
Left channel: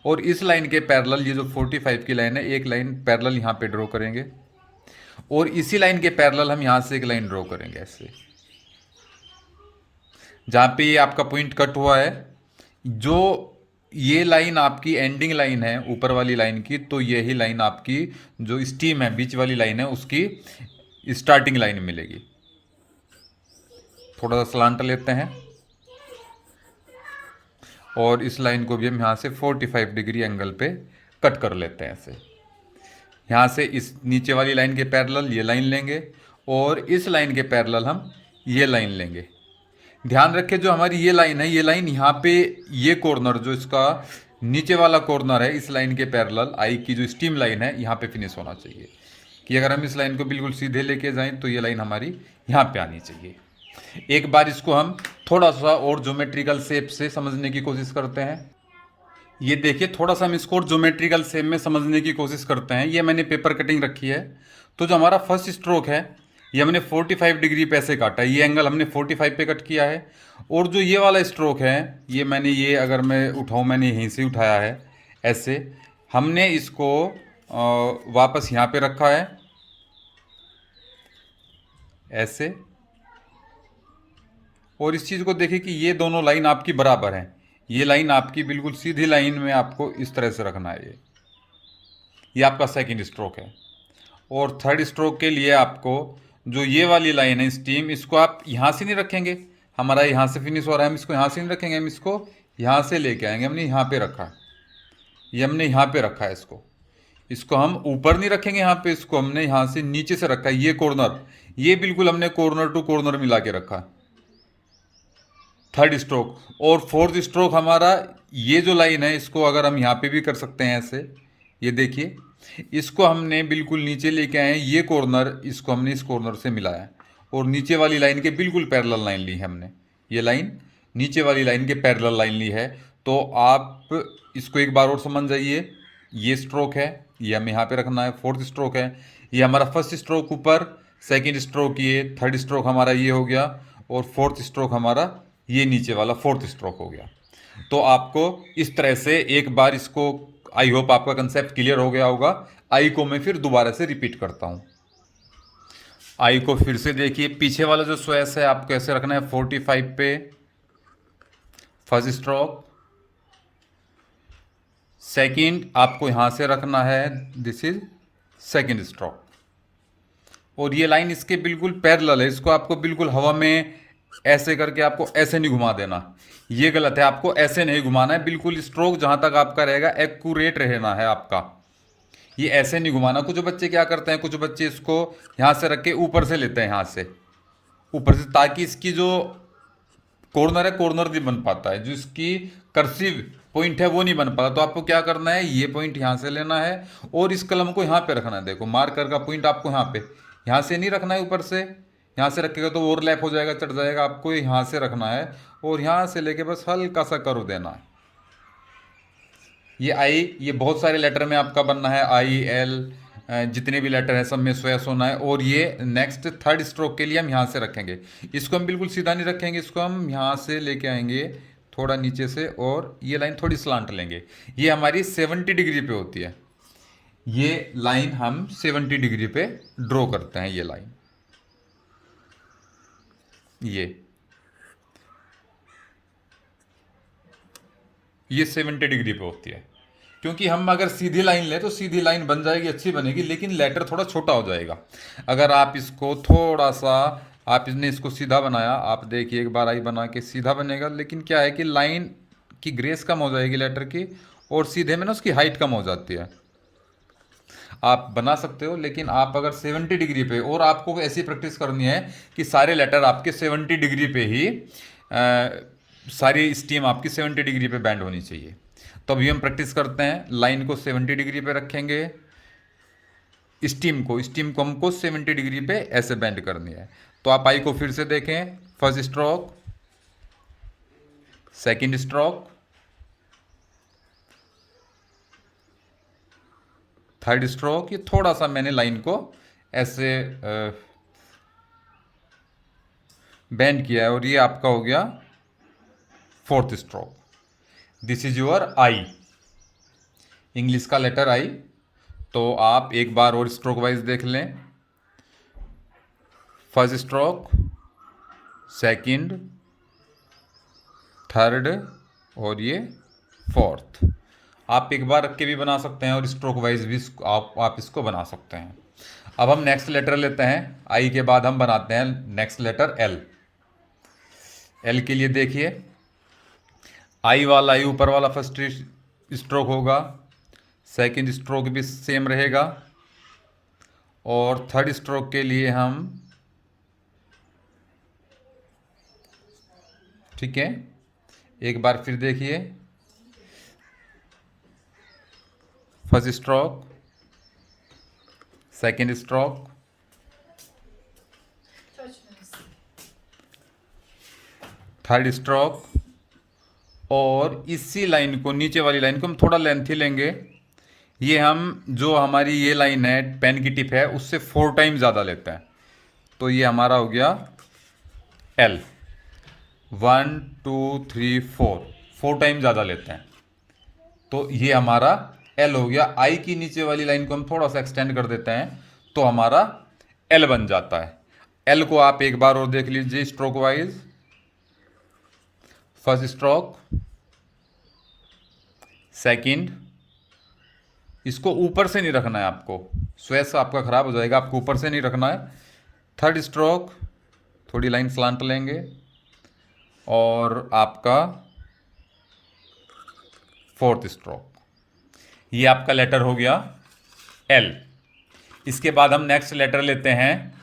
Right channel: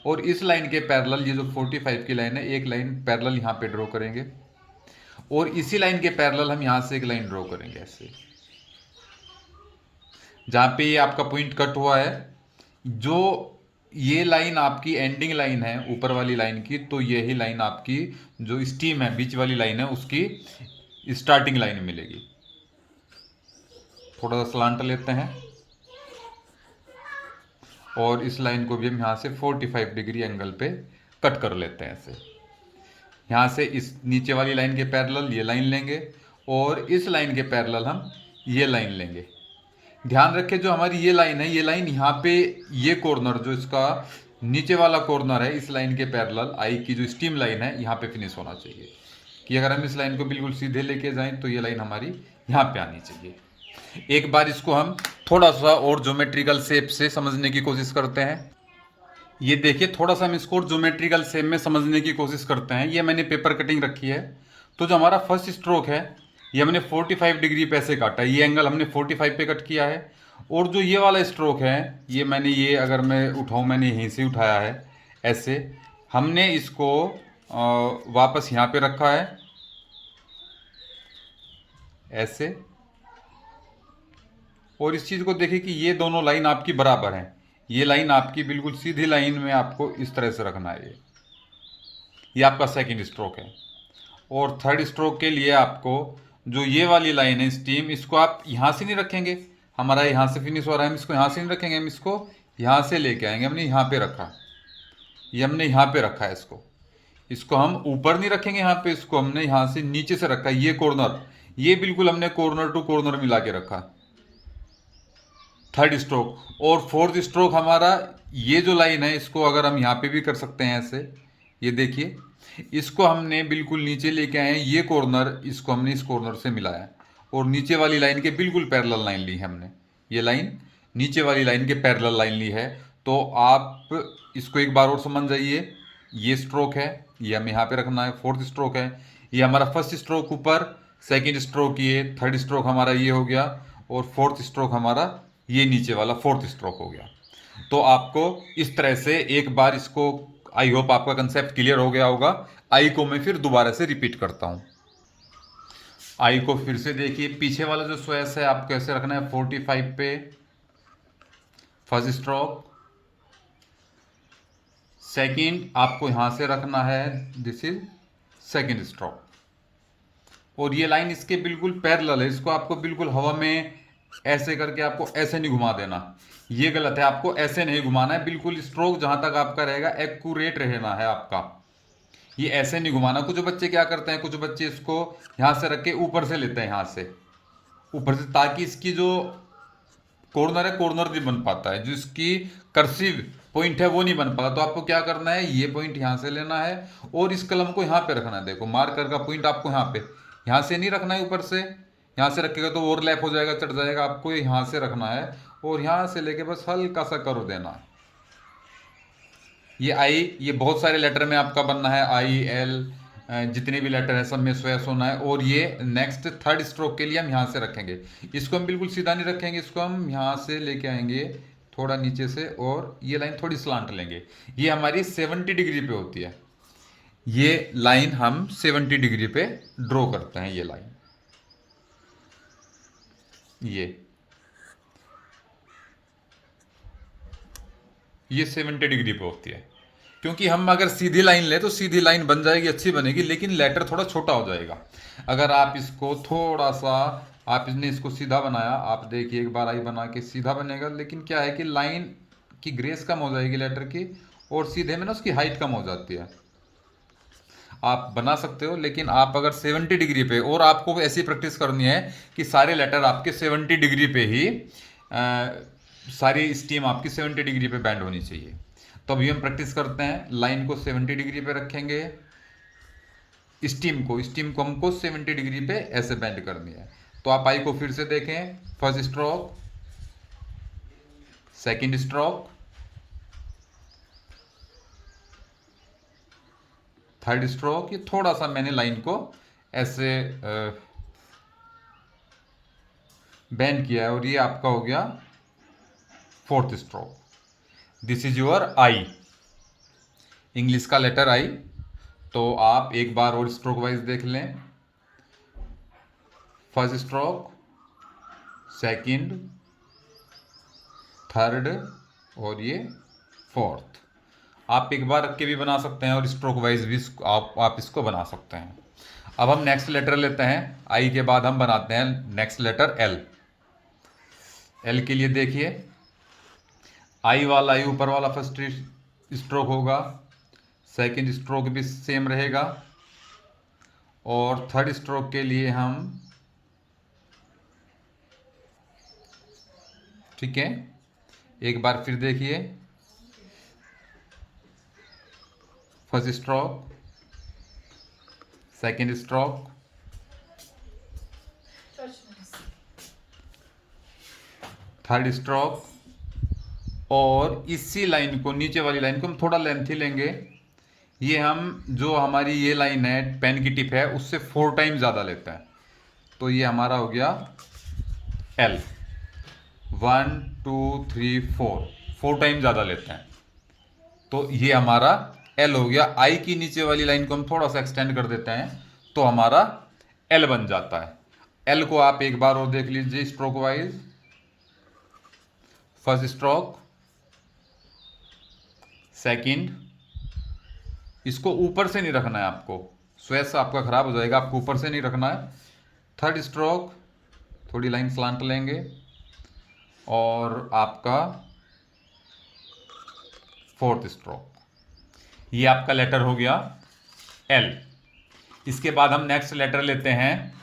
और इस लाइन के पैरेलल, ये जो 45 की लाइन है, एक लाइन पैरेलल यहाँ पे ड्रॉ करेंगे, और इसी लाइन के पैरेलल हम यहाँ से एक लाइन ड्रॉ करेंगे ऐसे। जहाँ पे ये आपका पॉइंट कट हुआ है, जो ये लाइन आपकी एंडिंग लाइन है ऊपर वाली लाइन की, तो यही लाइन आपकी जो स्टीम है बीच वाली लाइन है उसकी स्टार्टिंग लाइन मिलेगी। थोड़ा सा स्लांट लेते हैं, और इस लाइन को भी हम यहाँ से 45 डिग्री एंगल पे कट कर लेते हैं ऐसे। यहाँ से इस नीचे वाली लाइन के पैरेलल ये लाइन लेंगे, और इस लाइन के पैरेलल हम ये लाइन लेंगे। ध्यान रखें, जो हमारी ये लाइन है, ये लाइन यहाँ पे, ये कॉर्नर जो इसका नीचे वाला कॉर्नर है, इस लाइन के पैरेलल आई की जो स्टीम लाइन है यहाँ पे फिनिश होना चाहिए। कि अगर हम इस लाइन को बिल्कुल सीधे लेके जाएं तो ये लाइन हमारी यहाँ पे आनी चाहिए। एक बार इसको हम थोड़ा सा और ज्योमेट्रिकल शेप से समझने की कोशिश करते हैं। ये देखिए, थोड़ा सा हम इसको ज्योमेट्रिकल शेप में समझने की कोशिश करते हैं। ये मैंने पेपर कटिंग रखी है, तो जो हमारा फर्स्ट स्ट्रोक है ये हमने 45 डिग्री पे ऐसे काटा है, ये एंगल हमने 45 पे कट किया है। और जो ये वाला स्ट्रोक है, ये मैंने, ये अगर मैं उठाऊँ, मैंने यहीं से उठाया है ऐसे, हमने इसको वापस यहाँ पे रखा है ऐसे। और इस चीज़ को देखिए कि ये दोनों लाइन आपकी बराबर हैं, ये लाइन आपकी बिल्कुल सीधी लाइन में आपको इस तरह से रखना है। ये आपका सेकंड स्ट्रोक है। और थर्ड स्ट्रोक के लिए आपको जो ये वाली लाइन है स्टीम, इसको आप यहाँ से नहीं रखेंगे, हमारा यहाँ से फिनिश हो रहा है, हम इसको यहाँ से नहीं रखेंगे, हम इसको यहाँ से लेके आएंगे। हमने यहाँ पे रखा, ये हमने यहाँ पे रखा है इसको, इसको हम ऊपर नहीं रखेंगे यहाँ पे, इसको हमने यहाँ से नीचे से रखा है। ये कॉर्नर, ये बिल्कुल हमने कॉर्नर टू कॉर्नर मिला के रखा है, थर्ड स्ट्रोक। और फोर्थ स्ट्रोक हमारा, ये जो लाइन है इसको अगर हम यहाँ पे भी कर सकते हैं ऐसे, ये देखिए, इसको हमने बिल्कुल नीचे लेके आए हैं, ये कॉर्नर इसको हमने इस कॉर्नर से मिलाया, और नीचे वाली लाइन के बिल्कुल पैरेलल लाइन ली है हमने, ये लाइन नीचे वाली लाइन के पैरेलल लाइन ली है। तो आप इसको एक बार और समझ जाइए, ये स्ट्रोक है, ये हमें यहाँ पे रखना है, फोर्थ स्ट्रोक है, ये हमारा फर्स्ट स्ट्रोक ऊपर, सेकेंड स्ट्रोक ये, थर्ड स्ट्रोक हमारा ये हो गया, और फोर्थ स्ट्रोक हमारा ये नीचे वाला फोर्थ स्ट्रोक हो गया। तो आपको इस तरह से एक बार इसको, आई होप आपका कंसेप्ट क्लियर हो गया होगा। आई को मैं फिर दोबारा से रिपीट करता हूँ। आई को फिर से देखिए, पीछे वाला जो स्वेस है आपको कैसे रखना है, 45 पे फर्स्ट स्ट्रोक, सेकंड आपको यहाँ से रखना है, दिस इज सेकंड स्ट्रोक। और ये लाइन इसके बिल्कुल पैरेलल है, इसको आपको बिल्कुल हवा में ऐसे करके आपको ऐसे नहीं घुमा देना, ये गलत है। आपको ऐसे नहीं घुमाना है, बिल्कुल स्ट्रोक जहाँ तक आपका रहेगा एक्यूरेट रहना है आपका, ये ऐसे नहीं घुमाना। कुछ बच्चे क्या करते हैं, कुछ बच्चे इसको यहाँ से रख के ऊपर से लेते हैं, यहाँ से ऊपर से, ताकि इसकी जो कॉर्नर है कॉर्नर नहीं बन पाता है, जो इसकी कर्सिव पॉइंट है वो नहीं बन पाता। तो आपको क्या करना है, ये पॉइंट यहाँ से लेना है और इस कलम को यहाँ पे रखना है। देखो मार्कर का पॉइंट आपको यहाँ पे, यहाँ से नहीं रखना है ऊपर से, यहाँ से रखेगा तो ओवरलैप हो जाएगा, चढ़ जाएगा। आपको यहाँ से रखना है और यहाँ से लेके बस हल्का सा करो देना है। ये आई, ये बहुत सारे लेटर में आपका बनना है, आई एल, जितने भी लेटर है सब में स्वेस होना है। और ये नेक्स्ट थर्ड स्ट्रोक के लिए हम यहाँ से रखेंगे, इसको हम बिल्कुल सीधा नहीं रखेंगे, इसको हम यहाँ से लेके आएंगे थोड़ा नीचे से और ये लाइन थोड़ी स्लांट लेंगे। ये हमारी 70 डिग्री पे होती है, ये लाइन हम 70 डिग्री पे ड्रॉ करते हैं। ये लाइन ये 70 डिग्री पे होती है, क्योंकि हम अगर सीधी लाइन लें तो सीधी लाइन बन जाएगी, अच्छी बनेगी, लेकिन लेटर थोड़ा छोटा हो जाएगा। अगर आप इसको थोड़ा सा, आपने इसको सीधा बनाया, आप देखिए एक बार आई बना के सीधा बनेगा, लेकिन क्या है कि लाइन की ग्रेस कम हो जाएगी लेटर की, और सीधे में ना उसकी हाइट कम हो जाती है। आप बना सकते हो, लेकिन आप अगर 70 डिग्री पे, और आपको ऐसी प्रैक्टिस करनी है कि सारे लेटर आपके 70 डिग्री पे ही सारी स्टीम आपकी 70 डिग्री पे बैंड होनी चाहिए। तो अभी हम प्रैक्टिस करते हैं, लाइन को 70 डिग्री पे रखेंगे, स्टीम को हमको 70 डिग्री पे ऐसे बैंड करनी है। तो आप आई को फिर से देखें, first stroke, second stroke, third stroke. ये थोड़ा सा मैंने लाइन को ऐसे बैंड किया है, और ये आपका हो गया fourth stroke. This is your I, English का लेटर आई। तो आप एक बार और स्ट्रोक वाइज देख लें, फर्स्ट स्ट्रोक, सेकंड, थर्ड और ये फोर्थ। आप एक बार रख के भी बना सकते हैं और स्ट्रोक वाइज भी आप इसको बना सकते हैं। अब हम नेक्स्ट लेटर लेते हैं, आई के बाद हम बनाते हैं नेक्स्ट लेटर एल। एल के लिए देखिए, आई वाला, आई ऊपर वाला फर्स्ट स्ट्रोक होगा, सेकंड स्ट्रोक भी सेम रहेगा, और थर्ड स्ट्रोक के लिए हम, ठीक है, एक बार फिर देखिए, first stroke, second stroke, third stroke, और इसी लाइन को, नीचे वाली लाइन को हम थोड़ा लेंथी लेंगे। ये हम, जो हमारी ये लाइन है पेन की टिप है, उससे 4 टाइम ज़्यादा लेते हैं। तो ये हमारा हो गया एल, 1 2 3 4 टाइम ज़्यादा लेते हैं, तो ये हमारा एल हो गया। आई की नीचे वाली लाइन को हम थोड़ा सा एक्सटेंड कर देते हैं, तो हमारा एल बन जाता है। एल को आप एक बार और देख लीजिए stroke wise, first stroke, second, इसको ऊपर से नहीं रखना है आपको, स्वेस आपका खराब हो जाएगा, आपको ऊपर से नहीं रखना है। थर्ड स्ट्रोक, थोड़ी लाइन स्लांट लेंगे, और आपका फोर्थ स्ट्रोक। ये आपका लेटर हो गया एल। इसके बाद हम नेक्स्ट लेटर लेते हैं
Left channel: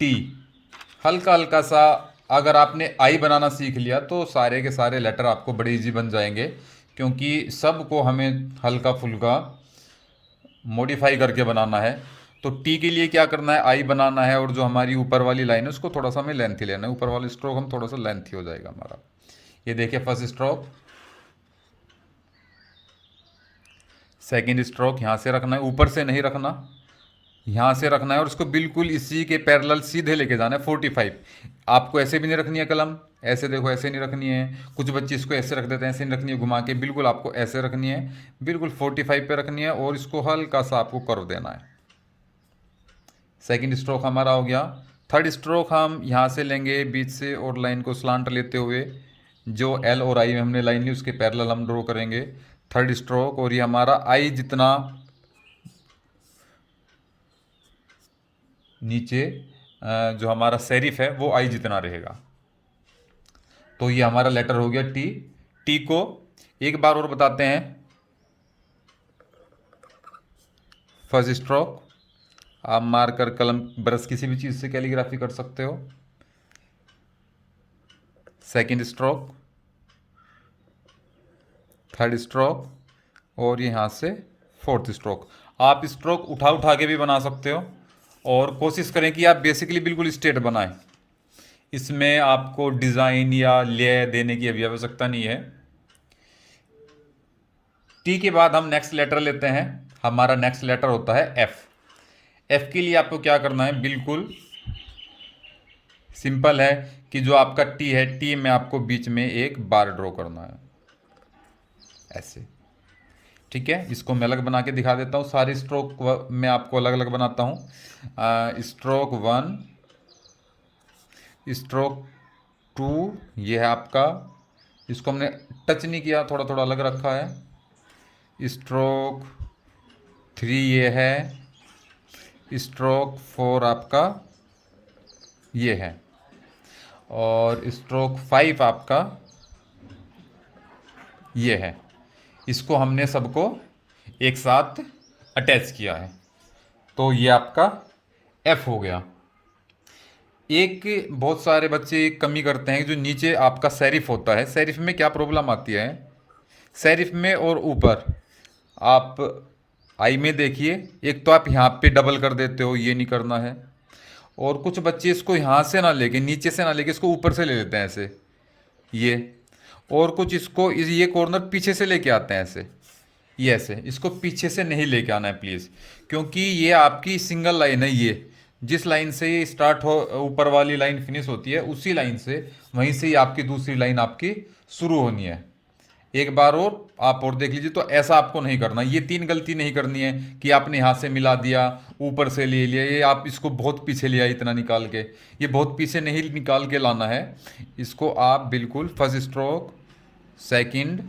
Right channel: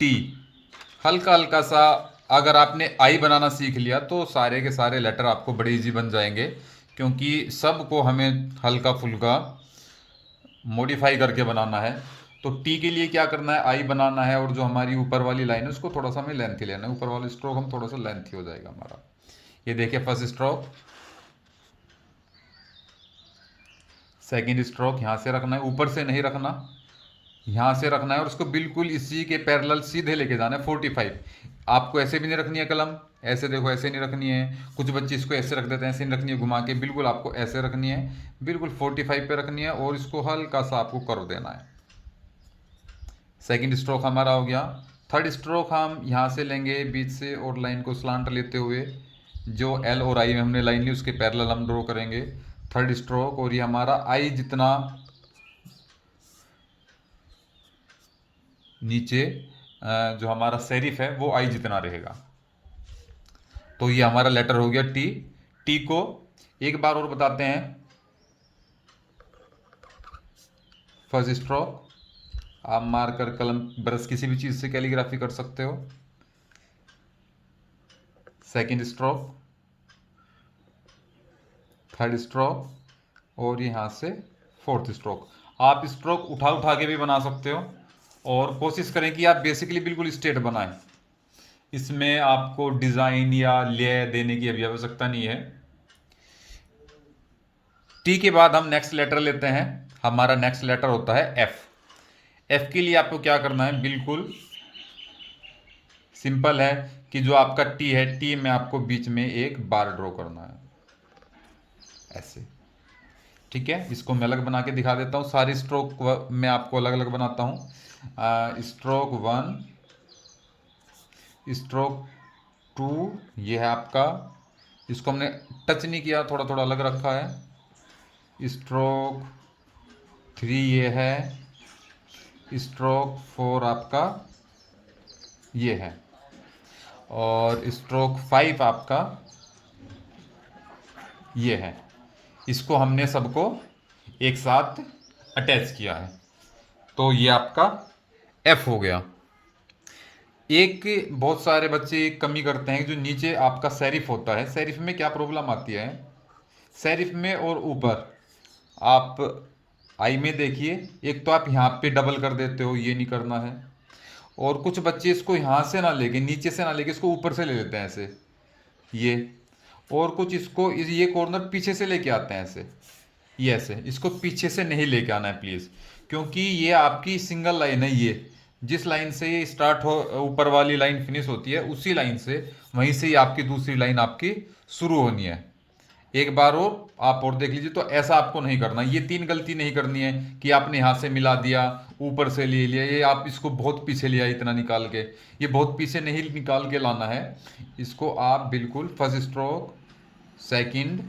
टी। हल्का हल्का सा, अगर आपने आई बनाना सीख लिया तो सारे के सारे लेटर आपको बड़े इजी बन जाएंगे, क्योंकि सबको हमें हल्का फुल्का मॉडिफाई करके बनाना है। तो टी के लिए क्या करना है, आई बनाना है, और जो हमारी ऊपर वाली लाइन है उसको थोड़ा सा हमें लेंथी लेना है, ऊपर वाली स्ट्रोक हम थोड़ा सा लेंथी हो जाएगा हमारा। ये देखिए, फर्स्ट स्ट्रोक, सेकंड स्ट्रोक, यहाँ से रखना है, ऊपर से नहीं रखना, यहाँ से रखना है, और उसको बिल्कुल इसी के पैरेलल सीधे लेके जाना है 45। आपको ऐसे भी नहीं रखनी है कलम, ऐसे देखो, ऐसे नहीं रखनी है। कुछ बच्चे इसको ऐसे रख देते हैं, ऐसे नहीं रखनी है, घुमा के बिल्कुल आपको ऐसे रखनी है, बिल्कुल 45 पे रखनी है, और इसको हल्का सा आपको कर देना है। सेकंड स्ट्रोक हमारा हो गया। थर्ड स्ट्रोक हम यहाँ से लेंगे बीच से, और लाइन को स्लांट लेते हुए जो एल और आई में हमने लाइन ली उसके पैरेलल हम ड्रॉ करेंगे। थर्ड स्ट्रोक, और ये हमारा आई जितना नीचे जो हमारा सेरिफ है वो आई जितना रहेगा। तो ये हमारा लेटर हो गया टी। टी को एक बार और बताते हैं। फर्स्ट स्ट्रोक, आप मार्कर, कलम, ब्रश किसी भी चीज़ से कैलीग्राफी कर सकते हो। सेकंड स्ट्रोक, थर्ड स्ट्रोक, और यहाँ से फोर्थ स्ट्रोक। आप स्ट्रोक उठा उठा के भी बना सकते हो, और कोशिश करें कि आप बेसिकली बिल्कुल स्ट्रेट बनाएं। इसमें आपको डिज़ाइन या ले देने की अभी आवश्यकता नहीं है। टी के बाद हम नेक्स्ट लेटर लेते हैं। हमारा नेक्स्ट लेटर होता है एफ। एफ के लिए आपको क्या करना है, बिल्कुल सिंपल है कि जो आपका टी है, टी में आपको बीच में एक बार ड्रॉ करना है ऐसे। ठीक है, इसको मैं अलग बना के दिखा देता हूँ। सारी स्ट्रोक मैं आपको अलग अलग बनाता हूँ। स्ट्रोक 1, स्ट्रोक 2, ये है आपका, इसको हमने टच नहीं किया, थोड़ा थोड़ा अलग रखा है। स्ट्रोक 3 ये है। स्ट्रोक 4 आपका ये है, और स्ट्रोक 5 आपका ये है। इसको हमने सबको एक साथ अटैच किया है, तो ये आपका एफ हो गया। एक बहुत सारे बच्चे एक कमी करते हैं, जो नीचे आपका सेरिफ होता है। सेरिफ में क्या प्रॉब्लम आती है, सेरिफ में और ऊपर आप आई में देखिए, एक तो आप यहाँ पे डबल कर देते हो, ये नहीं करना है। और कुछ बच्चे इसको यहाँ से ना लेके, नीचे से ना लेके, इसको ऊपर से ले लेते हैं ऐसे, ये। और कुछ इसको ये कॉर्नर पीछे से लेके आते हैं ऐसे, ये ऐसे। इसको पीछे से नहीं लेके आना है प्लीज़, क्योंकि ये आपकी सिंगल लाइन है। ये जिस लाइन से ये स्टार्ट हो, ऊपर वाली लाइन फिनिश होती है, उसी लाइन से, वहीं से ही आपकी दूसरी लाइन आपकी शुरू होनी है। एक बार और आप और देख लीजिए। तो ऐसा आपको नहीं करना, ये 3 गलती नहीं करनी है कि आपने यहाँ से मिला दिया, ऊपर से ले लिया, ये आप इसको बहुत पीछे लिया इतना निकाल के, ये बहुत पीछे नहीं निकाल के लाना है। इसको आप बिल्कुल फर्स्ट स्ट्रोक, सेकंड,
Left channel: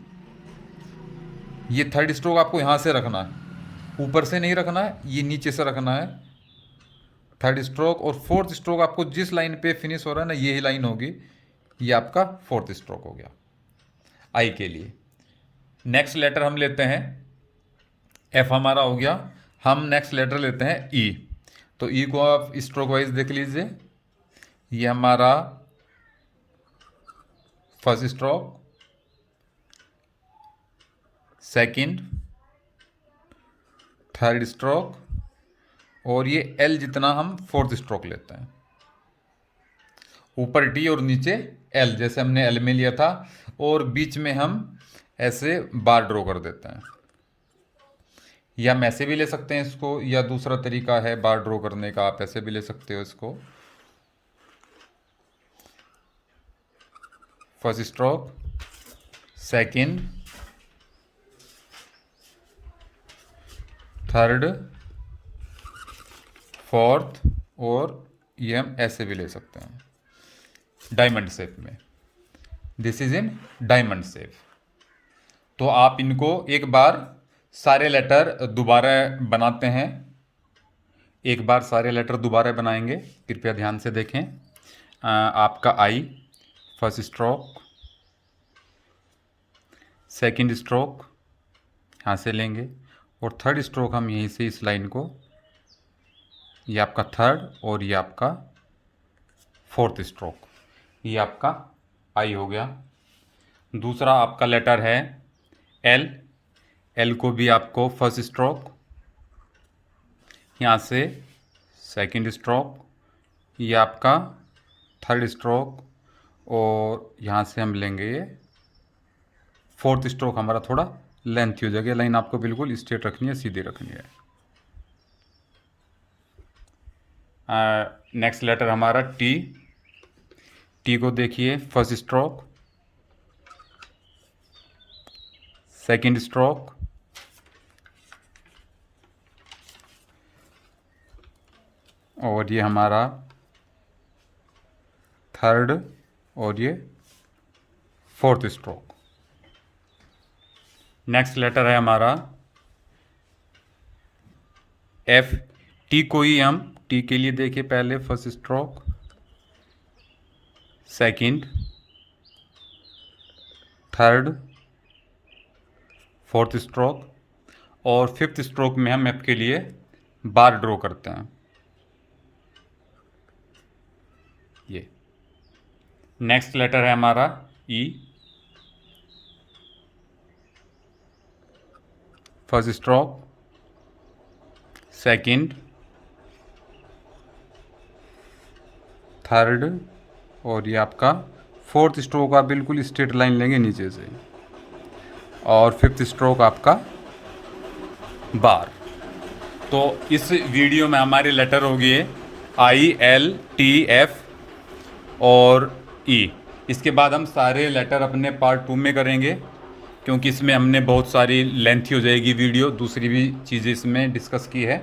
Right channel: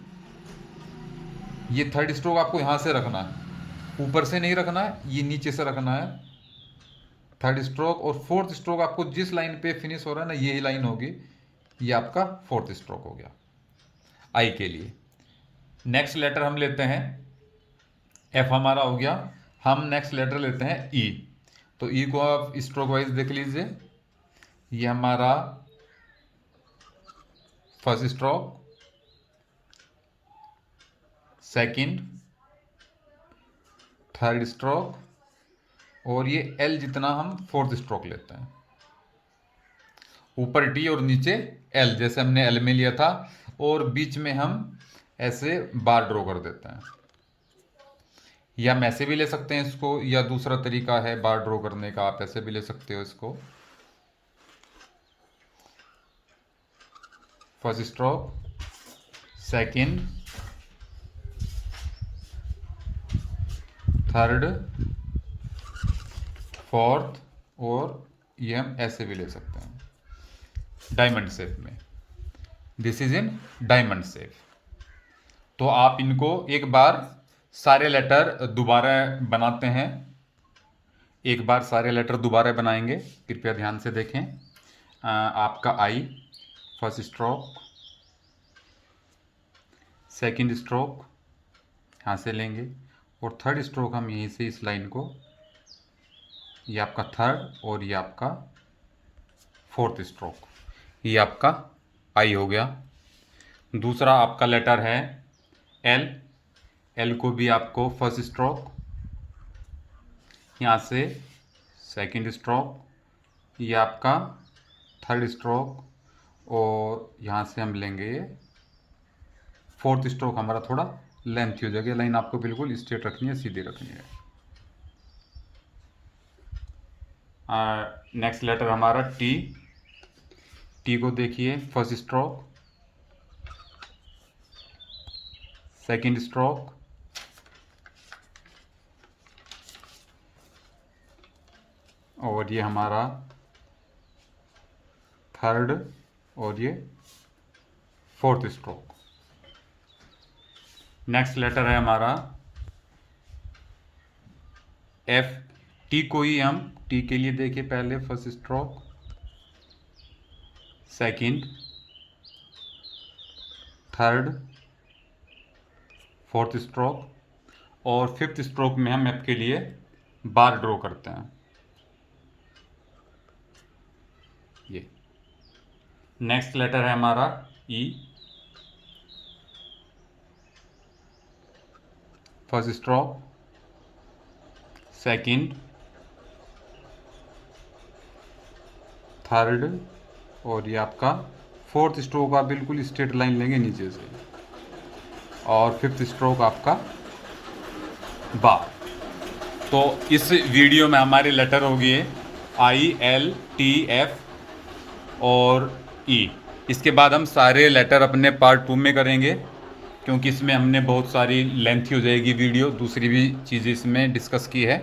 ये थर्ड स्ट्रोक आपको यहाँ से रखना है, ऊपर से नहीं रखना है, ये नीचे से रखना है थर्ड स्ट्रोक। और फोर्थ स्ट्रोक आपको जिस लाइन पे फिनिश हो रहा है ना, यही लाइन होगी, ये आपका फोर्थ स्ट्रोक हो गया आई के लिए। नेक्स्ट लेटर हम लेते हैं, एफ हमारा हो गया। हम नेक्स्ट लेटर लेते हैं ई। तो ई को आप स्ट्रोक वाइज देख लीजिए। ये हमारा first stroke, second, third stroke, और ये एल जितना हम फोर्थ स्ट्रोक लेते हैं। ऊपर टी और नीचे एल, जैसे हमने एल में लिया था। और बीच में हम ऐसे बार ड्रॉ कर देते हैं, या हम ऐसे भी ले सकते हैं इसको, या दूसरा तरीका है बार ड्रॉ करने का, आप ऐसे भी ले सकते हो इसको। First stroke, second, third, fourth, और ये हम ऐसे भी ले सकते हैं डायमंड शेप में। This is in diamond shape. तो आप इनको एक बार सारे लेटर दोबारा बनाते हैं, एक बार सारे लेटर दोबारा बनाएंगे, कृपया ध्यान से देखें। आपका आई, फर्स्ट स्ट्रोक, सेकंड स्ट्रोक यहाँ से लेंगे, और थर्ड स्ट्रोक हम यहीं से इस लाइन को, ये आपका थर्ड, और ये आपका फोर्थ स्ट्रोक, ये आपका आई हो गया। दूसरा आपका लेटर है एल। एल को भी आपको फर्स्ट स्ट्रोक, यहाँ से सेकंड स्ट्रोक, ये आपका थर्ड स्ट्रोक, और यहाँ से हम लेंगे ये फोर्थ स्ट्रोक। हमारा थोड़ा लेंथ हो जाएगी, लाइन आपको बिल्कुल स्ट्रेट रखनी है, सीधी रखनी है। नेक्स्ट लेटर हमारा टी। टी को देखिए, फर्स्ट स्ट्रोक, सेकंड स्ट्रोक, और ये हमारा थर्ड, और ये फोर्थ स्ट्रोक। नेक्स्ट लेटर है हमारा एफ। टी को ही हम टी के लिए देखिए, पहले first stroke, second, third, fourth stroke और फिफ्थ स्ट्रोक में हम एफ के लिए बार ड्रॉ करते हैं। ये नेक्स्ट लेटर है हमारा ई। फर्स्ट स्ट्रोक, सेकंड, थर्ड और ये आपका फोर्थ स्ट्रोक आप बिल्कुल स्ट्रेट लाइन लेंगे नीचे से, और फिफ्थ स्ट्रोक आपका बार। तो इस वीडियो में हमारे लेटर हो गए आई, एल, टी, एफ और ई। इसके बाद हम सारे लेटर अपने पार्ट 2 में करेंगे, क्योंकि इसमें हमने बहुत सारी लेंथी हो जाएगी वीडियो, दूसरी भी चीज़ें इसमें डिस्कस की है।